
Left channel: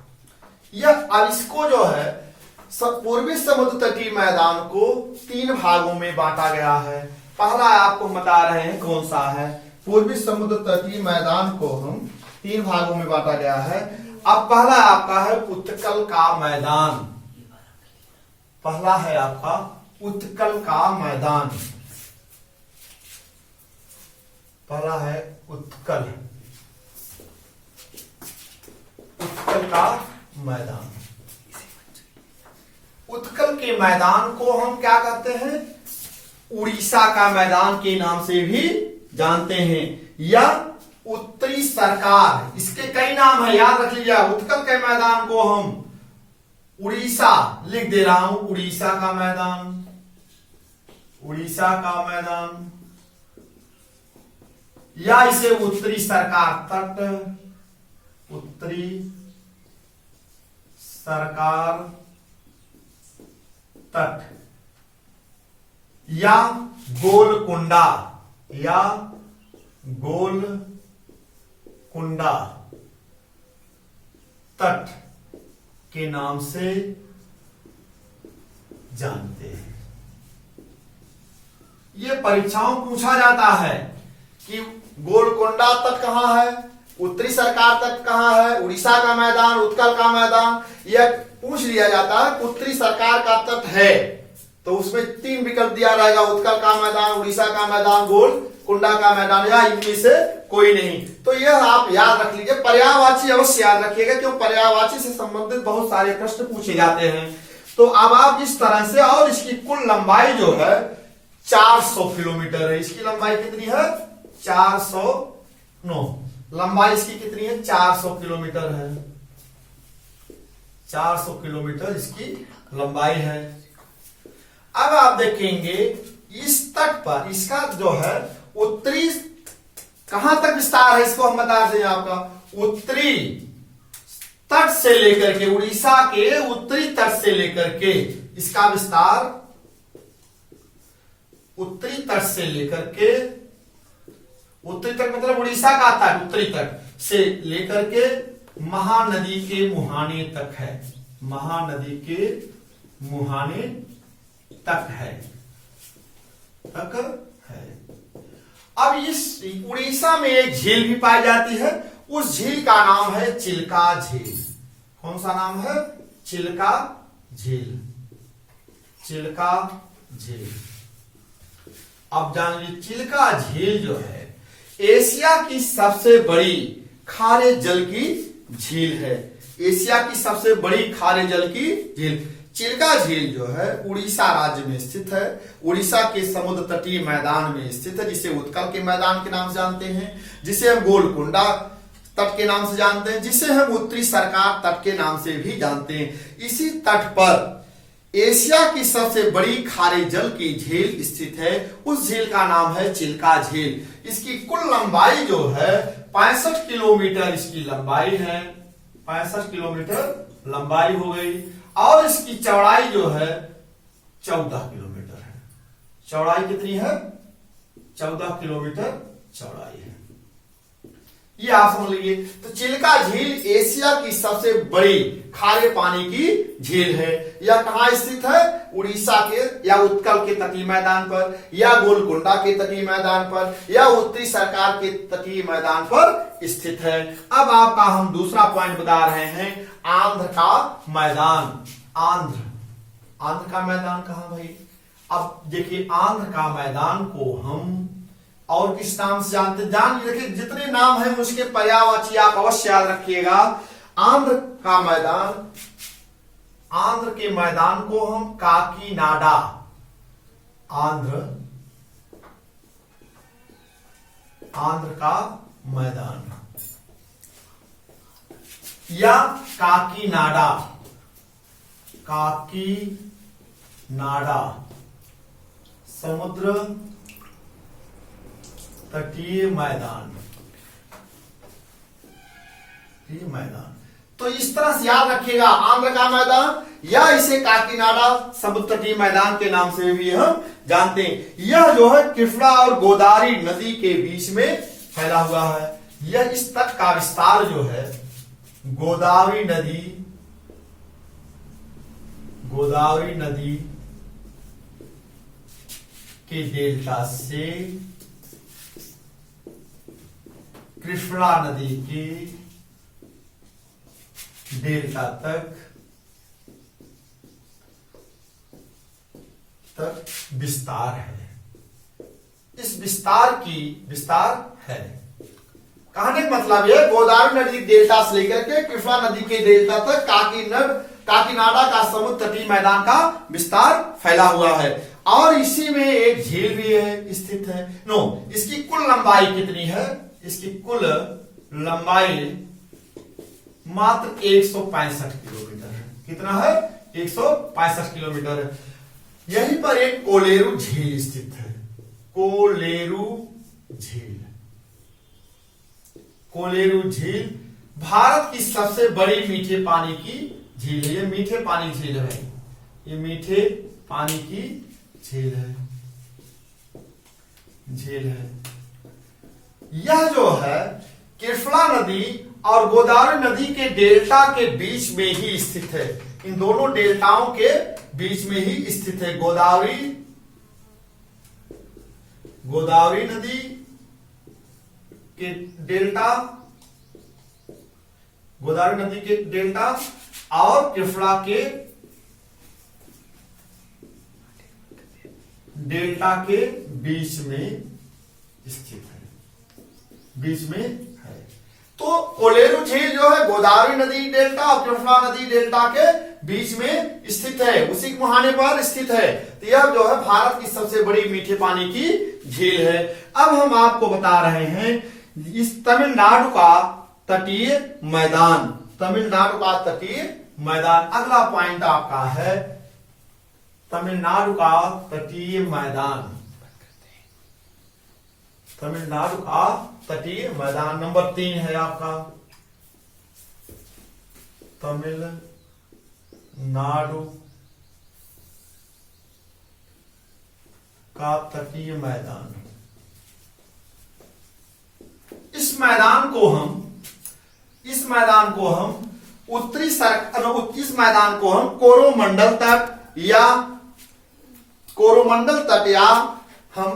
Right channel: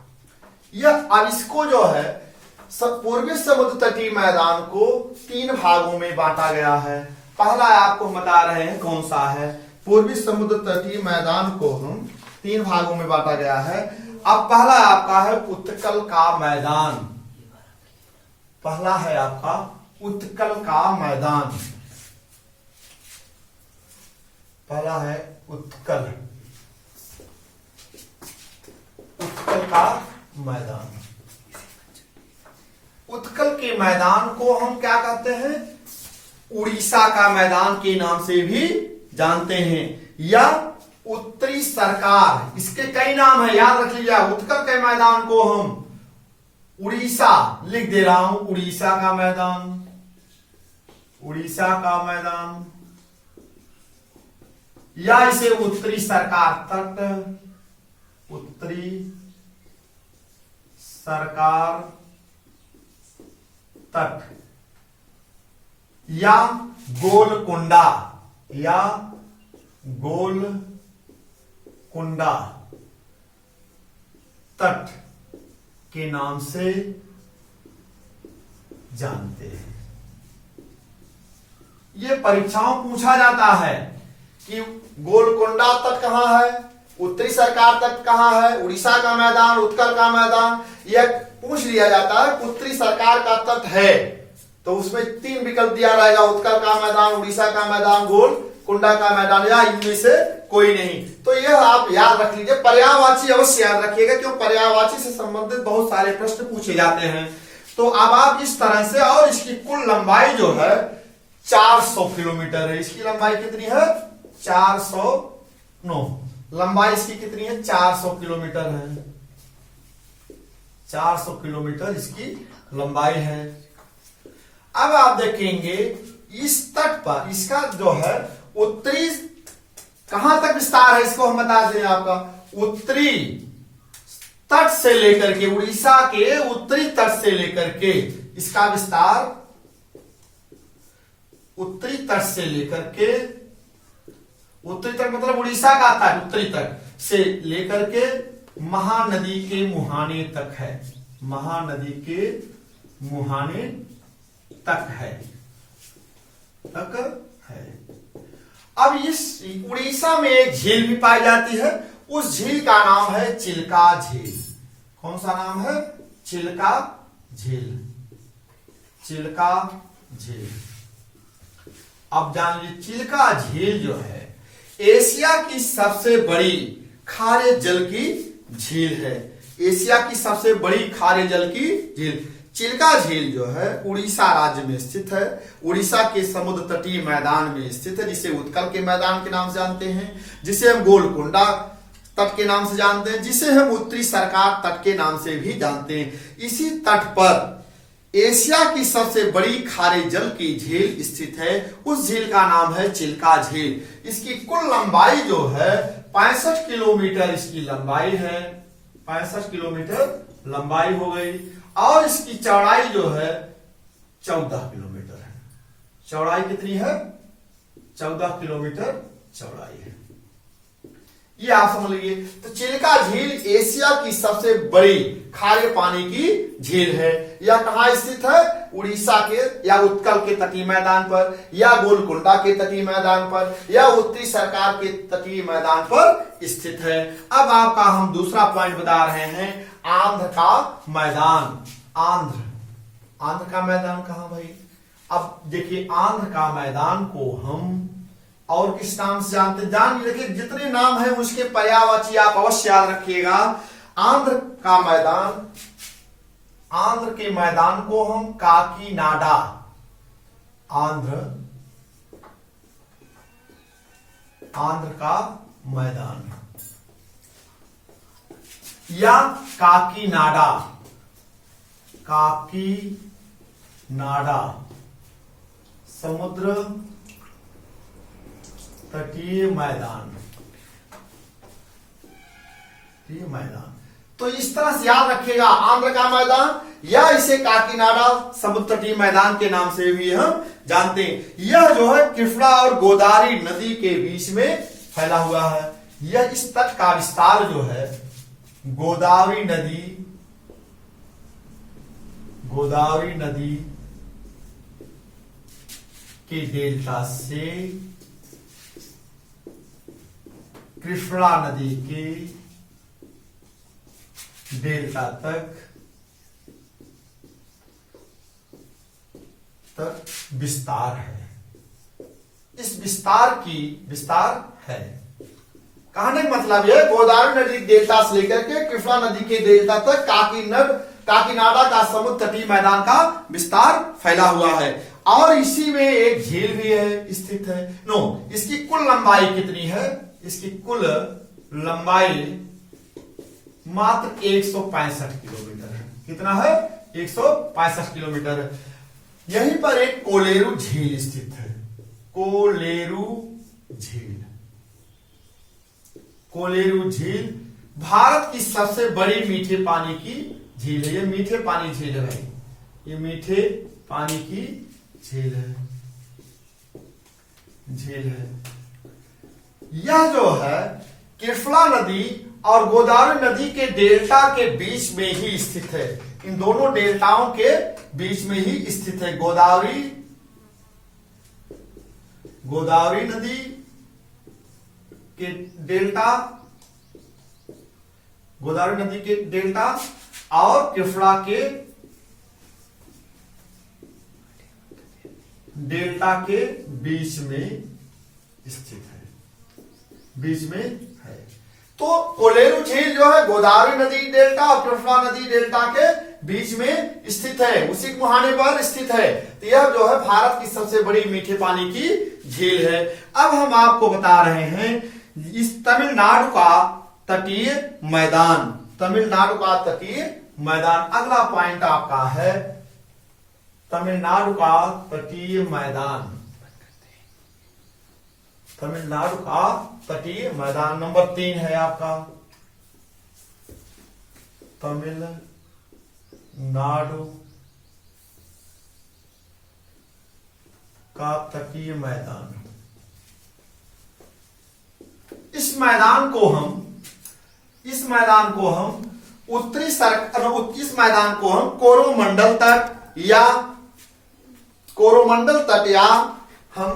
यह अब इसको जो है पूर्वी समुद्र तटीय मैदान को 3 भागों में बांटा गया है। पहला आपको बता रहे हैं कौन सा है, पूर्वी समुद्र तटीय मैदान को हम 3 भागों में बांटा गया है। अब पहला आपका है उत्कल का मैदान, पहला है आपका उत्कल का मैदान, पहला है उत्कल का मैदान। उत्कल के मैदान को हम क्या कहते हैं, उड़ीसा का मैदान के नाम से भी जानते हैं, या उत्तरी सरकार, इसके कई नाम है, याद रख लीजिए। उत्कल के मैदान को हम उड़ीसा लिख दे रहा हूं, उड़ीसा का मैदान, उड़ीसा का मैदान, या इसे उत्तरी सरकार तट, उत्तरी सरकार तट, या गोलकुंडा, या गोलकुंडा तट के नाम से जानते हैं। ये परीक्षाओं पूछा जाता है कि गोलकुंडा तट कहां है, उत्तरी सरकार तट कहां है, उड़ीसा का मैदान, उत्कल का मैदान, यह पूछ लिया जाता है। उत्तरी सरकार का तट है तो उसमें 3 विकल्प दिया रहेगा, उत्कल का मैदान, उड़ीसा का मैदान, गोलकुंडा का मैदान, या इनमें से कोई नहीं। तो यह आप याद रख लीजिए, पर्यायवाची अवश्य याद रखिएगा, क्यों पर्यायवाची से संबंधित बहुत सारे प्रश्न पूछे जाते हैं। तो अब आप इस तरह से, और इसकी कुल लंबाई जो है 400 किलोमीटर है। इसकी लंबाई कितनी है, 409, लंबाई इसकी कितनी है, 400 किलोमीटर है, 400 किलोमीटर इसकी लंबाई है। अब आप देखेंगे इस तट पर इसका जो है उत्तरी कहां तक विस्तार है, इसको हम बता दें आपका, उत्तरी तट से लेकर के, उड़ीसा के उत्तरी तट से लेकर के इसका विस्तार, उत्तरी तट से लेकर के, उत्तरी तट मतलब उड़ीसा का तट, उत्तरी तट से लेकर के महानदी के मुहाने तक है, महानदी के मुहाने तक है, तक है। अब इस उड़ीसा में एक झील भी पाई जाती है, उस झील का नाम है चिल्का झील। कौन सा नाम है, चिल्का झील, चिल्का झील। अब जान लीजिए, चिल्का झील जो है एशिया की सबसे बड़ी खारे जल की झील है, एशिया की सबसे बड़ी खारे जल की झील। चिल्का झील जो है उड़ीसा राज्य में स्थित है, उड़ीसा के समुद्र तटीय मैदान में स्थित है, जिसे उत्कल के मैदान के नाम से जानते हैं, जिसे हम गोलकुंडा तट के नाम से जानते हैं, जिसे हम उत्तरी सरकार तट के नाम से भी जानते हैं। इसी तट पर एशिया की सबसे बड़ी खारे जल की झील स्थित है, उस झील का नाम है चिल्का झील। इसकी कुल लंबाई जो है 65 किलोमीटर इसकी लंबाई है, 65 किलोमीटर लंबाई हो गई, और इसकी चौड़ाई जो है 14 किलोमीटर है। चौड़ाई कितनी है, 14 किलोमीटर चौड़ाई है, ये आप समझ लीजिए। तो चिल्का झील एशिया की सबसे बड़ी खारे पानी की झील है। यह कहां स्थित है, उड़ीसा के या उत्कल के तटीय मैदान पर, या गोलकुंडा के तटीय मैदान पर, या उत्तरी सरकार के तटीय मैदान पर स्थित है। अब आपका हम दूसरा पॉइंट बता रहे हैं, आंध्र का मैदान। आंध्र का मैदान कहां भाई, अब देखिए आंध्र का मैदान को हम और किस नाम से जानते हैं, जान देखिए जितने नाम हैं उसके पर्यायवाची आप अवश्य याद रखिएगा। आंध्र का मैदान, आंध्र के मैदान को हम काकीनाडा, आंध्र का मैदान, या काकीनाडा, काकीनाडा समुद्र तटीय मैदान, मैदान। तो इस तरह से याद रखिएगा, आंध्र का मैदान या इसे काकीनाडा समुद्र तटीय मैदान के नाम से भी हम जानते हैं। यह जो है कृष्णा और गोदावरी नदी के बीच में फैला हुआ है। यह इस तट का विस्तार जो है गोदावरी नदी के डेल्टा से कृष्णा नदी के डेल्टा तक विस्तार है। इस विस्तार है। कहने का मतलब यह गोदावरी नदी डेल्टा से लेकर के कृष्णा नदी के डेल्टा तक काकीनाडा का समुद्र तटीय मैदान का विस्तार फैला हुआ है। और इसी में एक झील भी है, स्थित है। इसकी कुल लंबाई कितनी है? इसकी कुल लंबाई मात्र 165 किलोमीटर है। कितना है? 165 किलोमीटर है। यहीं पर एक कोलेरू झील स्थित है। कोलेरू झील भारत की सबसे बड़ी मीठे पानी की झील है। ये मीठे पानी झील है। ये मीठे पानी की झील है। यह जो है कृष्णा नदी और गोदावरी नदी के डेल्टा के बीच में ही स्थित है। इन दोनों डेल्टाओं के बीच में ही स्थित है। गोदावरी नदी के डेल्टा, गोदावरी नदी के डेल्टा और कृष्णा के डेल्टा के बीच में स्थित है। तो कोलेरू झील जो है गोदावरी नदी डेल्टा और कृष्णा नदी डेल्टा के बीच में स्थित है, उसी के मुहाने पर स्थित है। तो यह जो है भारत की सबसे बड़ी मीठे पानी की झील है। अब हम आपको बता रहे हैं इस तमिलनाडु का तटीय मैदान, अगला पॉइंट आपका है तमिलनाडु का तटीय मैदान। नंबर 3 है आपका तमिलनाडु का तटीय मैदान। इस मैदान को हम कोरोमंडल तट या हम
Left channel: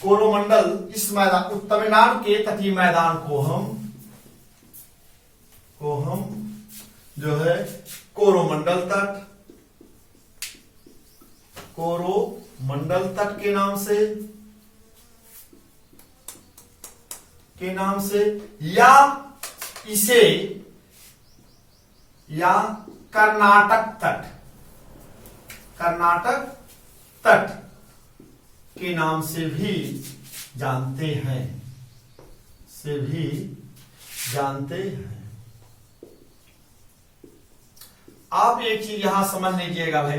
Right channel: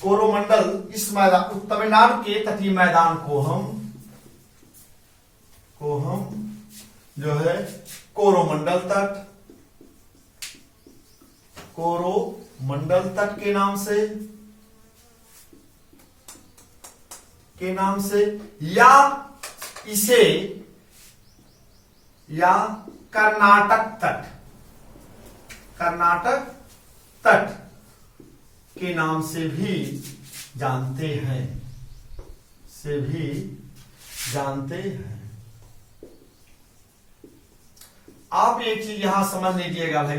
कोरोमंडल, इस मैदान तमिलनाडु के तटीय मैदान को हम जो है कोरोमंडल तट के नाम से या कर्नाटक तट के नाम से भी जानते हैं। आप एक चीज यहां समझ लीजिएगा भाई।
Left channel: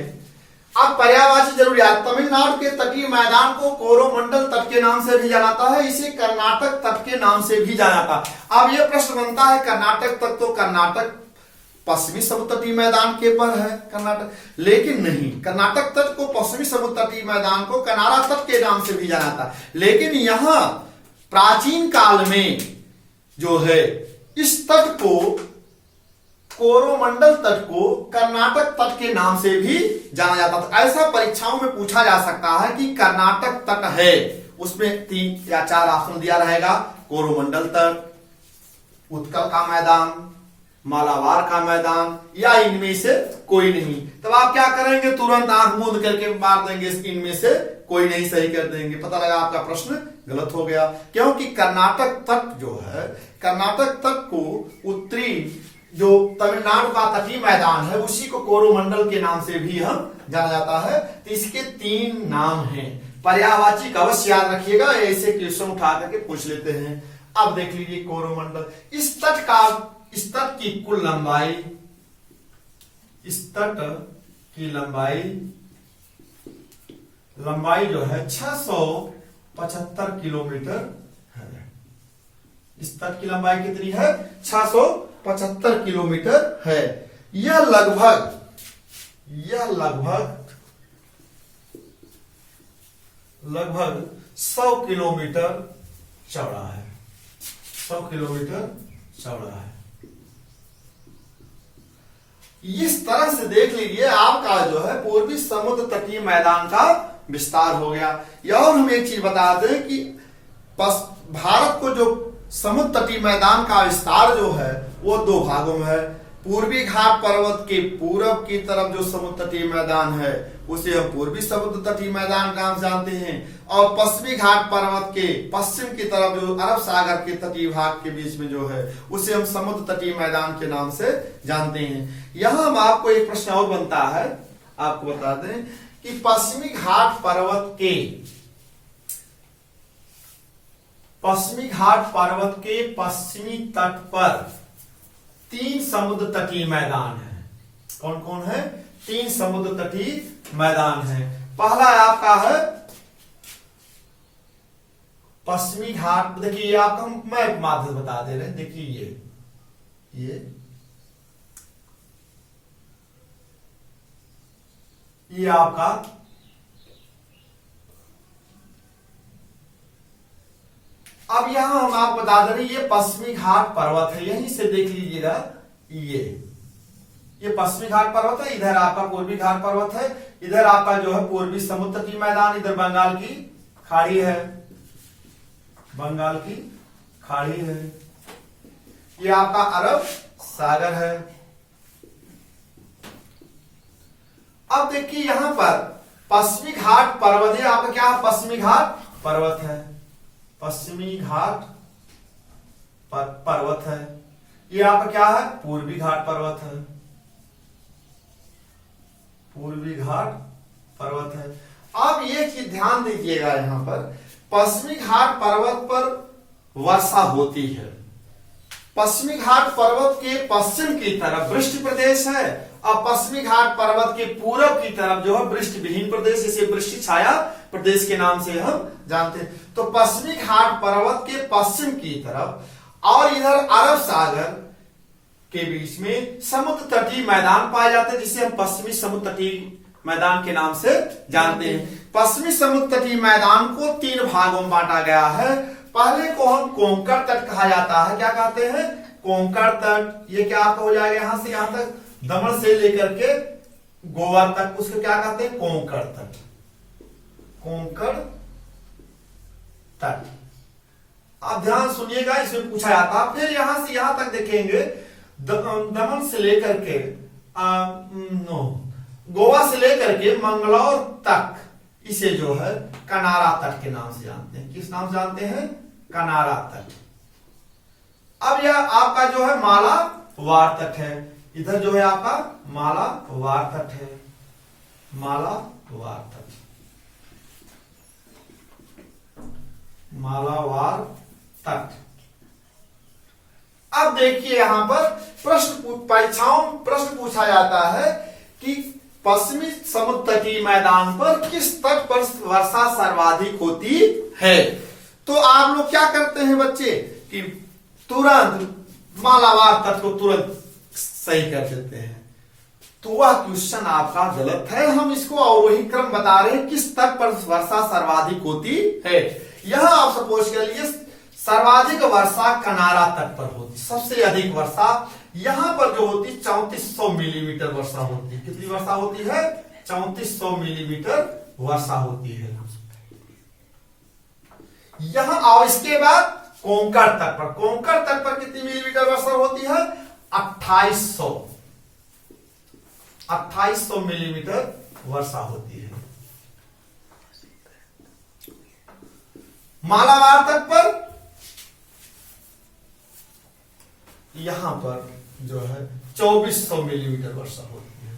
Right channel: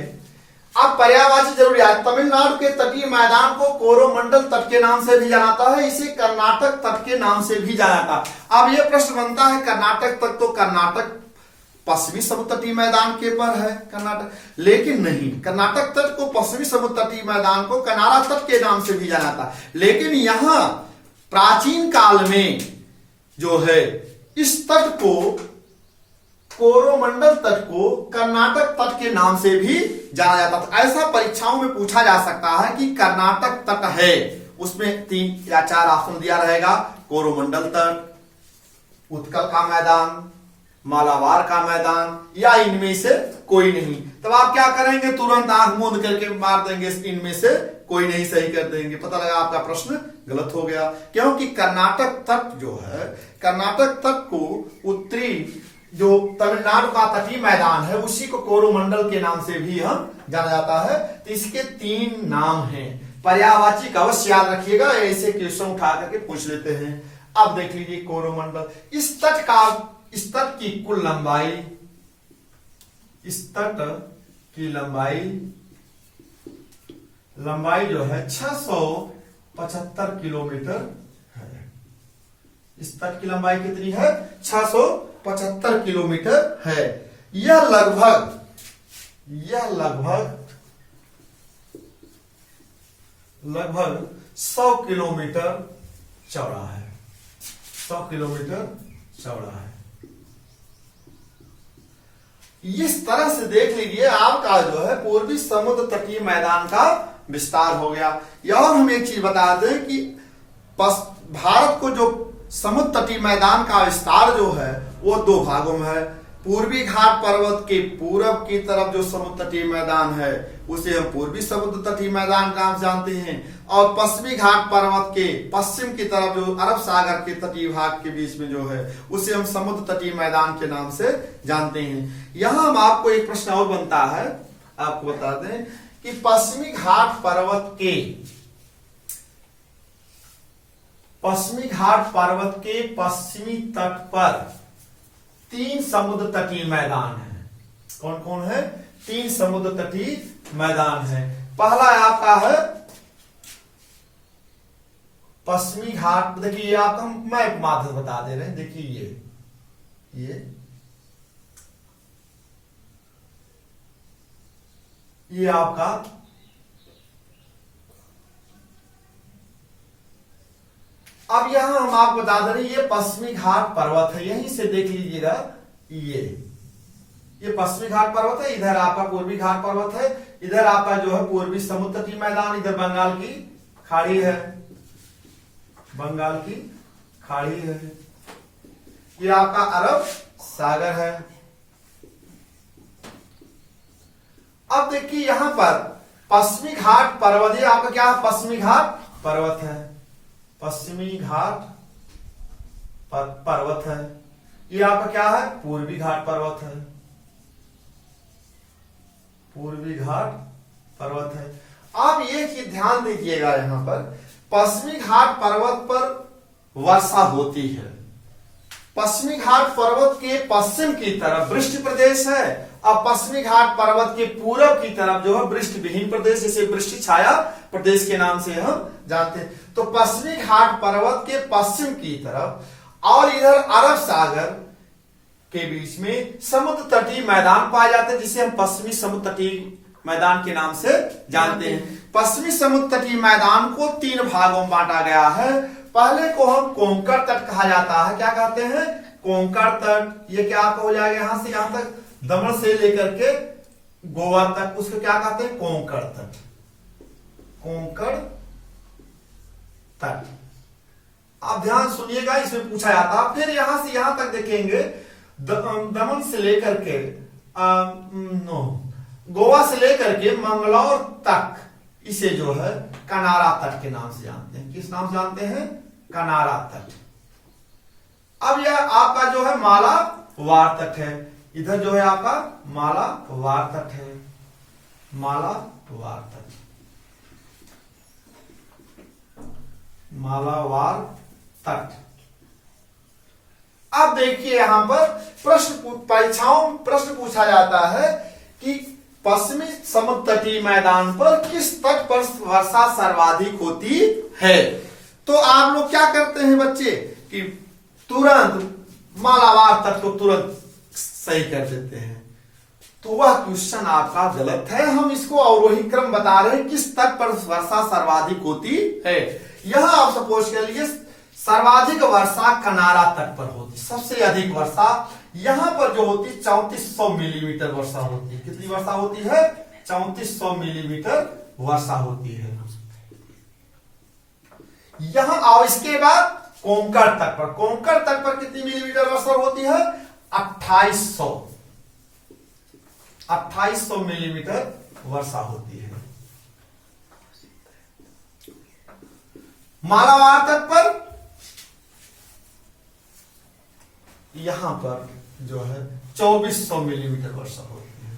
अब पर्यायवाची जरूरियात, तमिलनाडु के तटीय मैदान को कोरोमंडल तट के नाम से भी जाना जाता है, इसे कर्नाटक तट के नाम से भी जाना जाता है। अब यह प्रश्न बनता है कर्नाटक तट, तो कर्नाटक पश्चिमी समुद्र तटीय मैदान के पर है कर्नाटक, लेकिन नहीं, कर्नाटक तट को पश्चिमी समुद्र तटीय मैदान को कनारा तट के नाम से भी जाना जाता है। लेकिन यहां प्राचीन काल में जो है इस तट को, कोरोमंडल तट को कर्नाटक तट के नाम से भी जाना जाता था। ऐसा परीक्षाओं में पूछा जा सकता है कि कर्नाटक तट है, उसमें 3 या 4 ऑप्शन दिया रहेगा, कोरोमंडल तट, उत्कल का मैदान, मालाबार का मैदान, या इनमें से कोई नहीं। तब आप क्या करेंगे? तुरंत आंख मूंद करके मार देंगे, इनमें से कोई नहीं, सही कर देंगे। पता लगा आपका प्रश्न गलत हो गया, क्योंकि कर्नाटक तट जो है, कर्नाटक तट को उत्तरी जो तमिलनाडु का तटीय मैदान है उसी को कोरोमंडल के नाम से भी हम जाना जाता है। तो इसके 3 नाम हैं। पर्यायवाची का अवश्य याद रखिएगा, ऐसे क्वेश्चन उठा करके पूछ लेते हैं। अब देख लीजिए कोरोमंडल, इस इस तट की कुल लंबाई, इस तट की लंबाई जो है 675 किलोमीटर है। इस तट की लंबाई कितनी है? 675 किलोमीटर है। यह लगभग 100 किलोमीटर चौड़ा है। 100 किलोमीटर चौड़ा है। इस तरह से देख लीजिए आपका जो है पूर्वी समुद्र तटीय मैदान का विस्तार हो गया। और हम एक चीज बता दें कि भारत को जो समुद्र तटीय मैदान का विस्तार जो है वो दो भागों में है। पूर्वी घाट पर्वत के पूरब की तरफ जो समुद्र तटीय मैदान है उसे हम पूर्वी समुद्र तटीय मैदान का नाम जानते हैं, और पश्चिमी घाट पर्वत के पश्चिम की तरफ जो अरब सागर के तटीय भाग के बीच में जो है उसे हम समुद्र तटीय मैदान के नाम से जानते हैं। यहां हम आपको एक प्रश्न और बनता है, आपको बता दें कि पश्चिमी घाट पर्वत के पश्चिमी तट पर 3 समुद्र तटीय मैदान है। कौन कौन है? 3 समुद्र तटीय मैदान है। पहला आपका है पश्चिमी घाट। देखिए ये आपको हम मैप माध्यम बता दे रहे हैं। देखिए ये आपका अब यहां हम आपको बता दे रहे हैं ये पश्चिमी घाट पर्वत है। यहीं से देख लीजिएगा, ये पश्चिमी घाट पर्वत है, इधर आपका पूर्वी घाट पर्वत है, इधर आपका जो है पूर्वी समुद्र तटीय मैदान, इधर बंगाल की खाड़ी है, बंगाल की खाड़ी है, ये आपका अरब सागर है। अब देखिए यहां पर पश्चिमी घाट पर्वत, ये आपका क्या है? पश्चिमी घाट पर्वत है, पश्चिमी घाट पर्वत है। ये आपका क्या है? पूर्वी घाट पर्वत है, पूर्वी घाट पर्वत है। अब ये चीज ध्यान दीजिएगा, यहां पर पश्चिमी घाट पर्वत पर वर्षा होती है। पश्चिमी घाट पर्वत के पश्चिम की तरफ वृष्टि प्रदेश है, और पश्चिमी घाट पर्वत के पूरब की तरफ जो है वृष्टि विहीन प्रदेश, जिसे वृष्टि छाया प्रदेश के नाम से हम जानते हैं। तो पश्चिमी घाट पर्वत के पश्चिम की तरफ और इधर अरब सागर के बीच में समुद्र तटीय मैदान पाए जाते हैं, जिसे हम पश्चिमी समुद्र तटीय मैदान के नाम से जानते हैं। पश्चिमी समुद्र तटीय मैदान को 3 भागों में बांटा गया है। पहले को हम कोंकण तट कहा जाता है। क्या कहते हैं? कोंकण तट। ये क्या आपका हो जाएगा? यहां से यहां तक दमन से लेकर के गोवा तक, उसको क्या कहते हैं? कोंकण तट, कोंकण तट। आप ध्यान सुनिएगा, इसमें पूछा जाता है। फिर यहां से यहां तक देखेंगे, दमन से लेकर के गोवा से लेकर के मंगलौर तक, इसे जो है कनारा तट के नाम से जानते हैं। किस नाम से जानते हैं? कनारा तट। अब यह आपका जो है मालाबार तट है। इधर जो है आपका मालाबार तट है, मालाबार तट, मालाबार तट। अब देखिए यहां पर परीक्षाओं में प्रश्न पूछा जाता है कि पश्चिमी समुद्र तटीय मैदान पर किस तट पर वर्षा सर्वाधिक होती है। तो आप लोग क्या करते हैं बच्चे कि तुरंत मालाबार तट को तुरंत सही कर देते हैं। तो वह क्वेश्चन आपका गलत है। हम इसको अवरोही क्रम बता रहे हैं, किस तट पर वर्षा सर्वाधिक होती है। यह आप सपोज कर लीजिए सर्वाधिक वर्षा कनारा तट पर होती, सबसे अधिक वर्षा यहां पर जो होती 3400 मिलीमीटर वर्षा होती है। कितनी वर्षा होती है? 3400 मिलीमीटर वर्षा होती है यहां। और इसके बाद कोंकण तट पर, कोंकण तट पर कितनी मिलीमीटर वर्षा होती है? 2800 मिलीमीटर वर्षा होती है। मालाबार तट पर यहां पर जो है 2400 मिलीमीटर वर्षा होती है,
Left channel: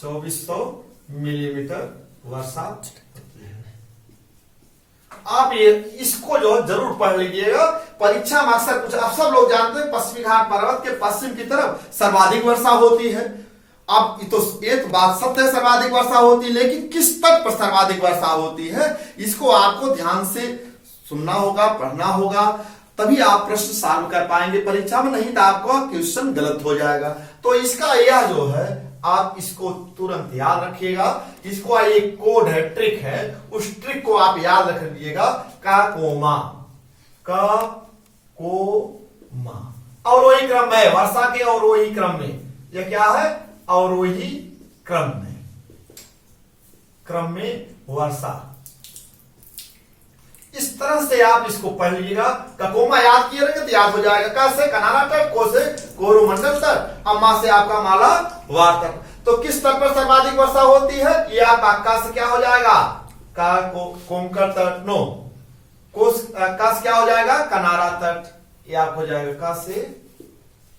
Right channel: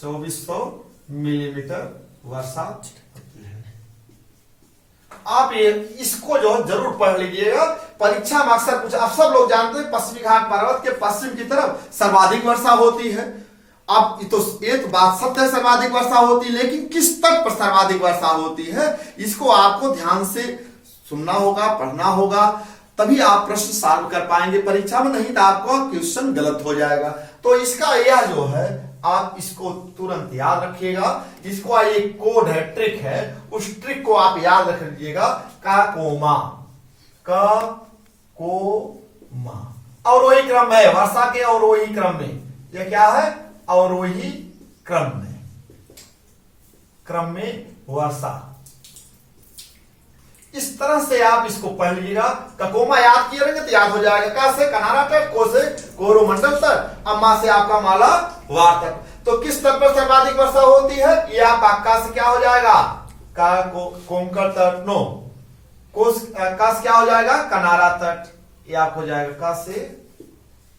2400 मिलीमीटर वर्षा होती है। आप ये इसको जो जरूर पढ़ लीजिएगा परीक्षा में अक्सर कुछ, अब सब लोग जानते हैं पश्चिमी घाट पर्वत के पश्चिम की तरफ सर्वाधिक वर्षा होती है। अब तो एक बात सत्य है, सर्वाधिक वर्षा होती है, लेकिन किस तट पर सर्वाधिक वर्षा होती है इसको आपको ध्यान से सुनना होगा, पढ़ना होगा, तभी आप प्रश्न सॉल्व कर पाएंगे परीक्षा में, नहीं तो आपका क्वेश्चन गलत हो जाएगा। तो इसका यह जो है आप इसको तुरंत याद रखिएगा, इसको एक कोड है, ट्रिक है, उस ट्रिक को आप याद रख लीजिएगा। का कोमा, अवरोही क्रम है, वर्षा के अवरोही क्रम में, यह क्या है, अवरोही क्रम में वर्षा। इस तरह से आप इसको पढ़ लीजिएगा। ककोमा याद किए रहेंगे तो याद हो जाएगा। का से कनारा तट, को से कोरोमंडल तट, अम्मा से आपका माला वार तट। तो किस तट पर सर्वाधिक वर्षा होती है, ये आपका का से क्या हो जाएगा, का कोंकण तट, नो का से क्या हो जाएगा, कनारा तट, ये आप हो जाएगा का से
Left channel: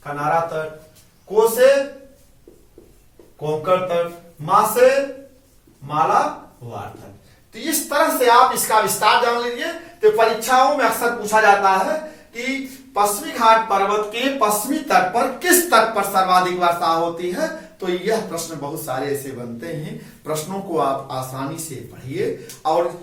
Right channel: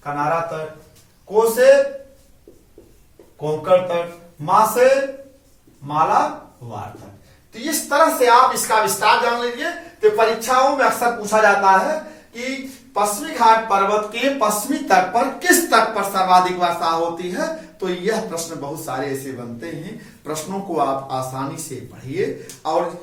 कनारा तट, को से कोंकण तट, मां से माला वार तट। तो इस तरह से आप इसका विस्तार जान लीजिए। तो परीक्षाओं में अक्सर पूछा जाता है कि पश्चिमी घाट पर्वत के पश्चिमी तट पर किस तट पर सर्वाधिक वर्षा होती है। तो यह प्रश्न बहुत सारे ऐसे बनते हैं। प्रश्नों को आप आसानी से पढ़िए और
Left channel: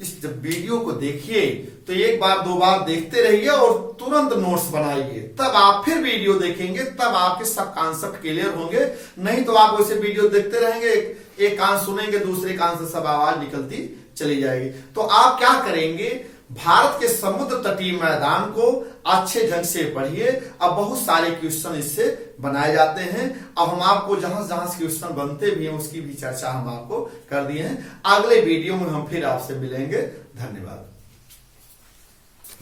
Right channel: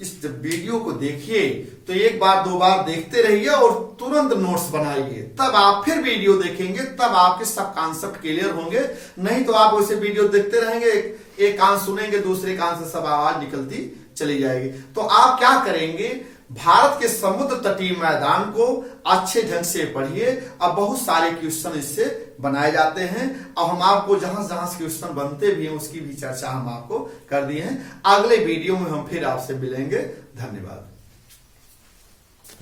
इस जब वीडियो को देखिए तो एक बार दो बार देखते रहिए और तुरंत नोट्स बनाइए, तब आप फिर वीडियो देखेंगे, तब आपके सब कॉन्सेप्ट क्लियर होंगे। नहीं तो आप वैसे वीडियो देखते रहेंगे, एक कान सुनेंगे, दूसरे कान से सब आवाज निकलती चली जाएगी। तो आप क्या करेंगे, भारत के समुद्र तटीय मैदान को अच्छे ढंग से पढ़िए। अब बहुत सारे क्वेश्चन इससे बनाए जाते हैं। अब हम आपको जहां जहां क्वेश्चन बनते भी हैं उसकी भी चर्चा हम आपको कर दिए हैं। अगले वीडियो में हम फिर आपसे मिलेंगे। धन्यवाद।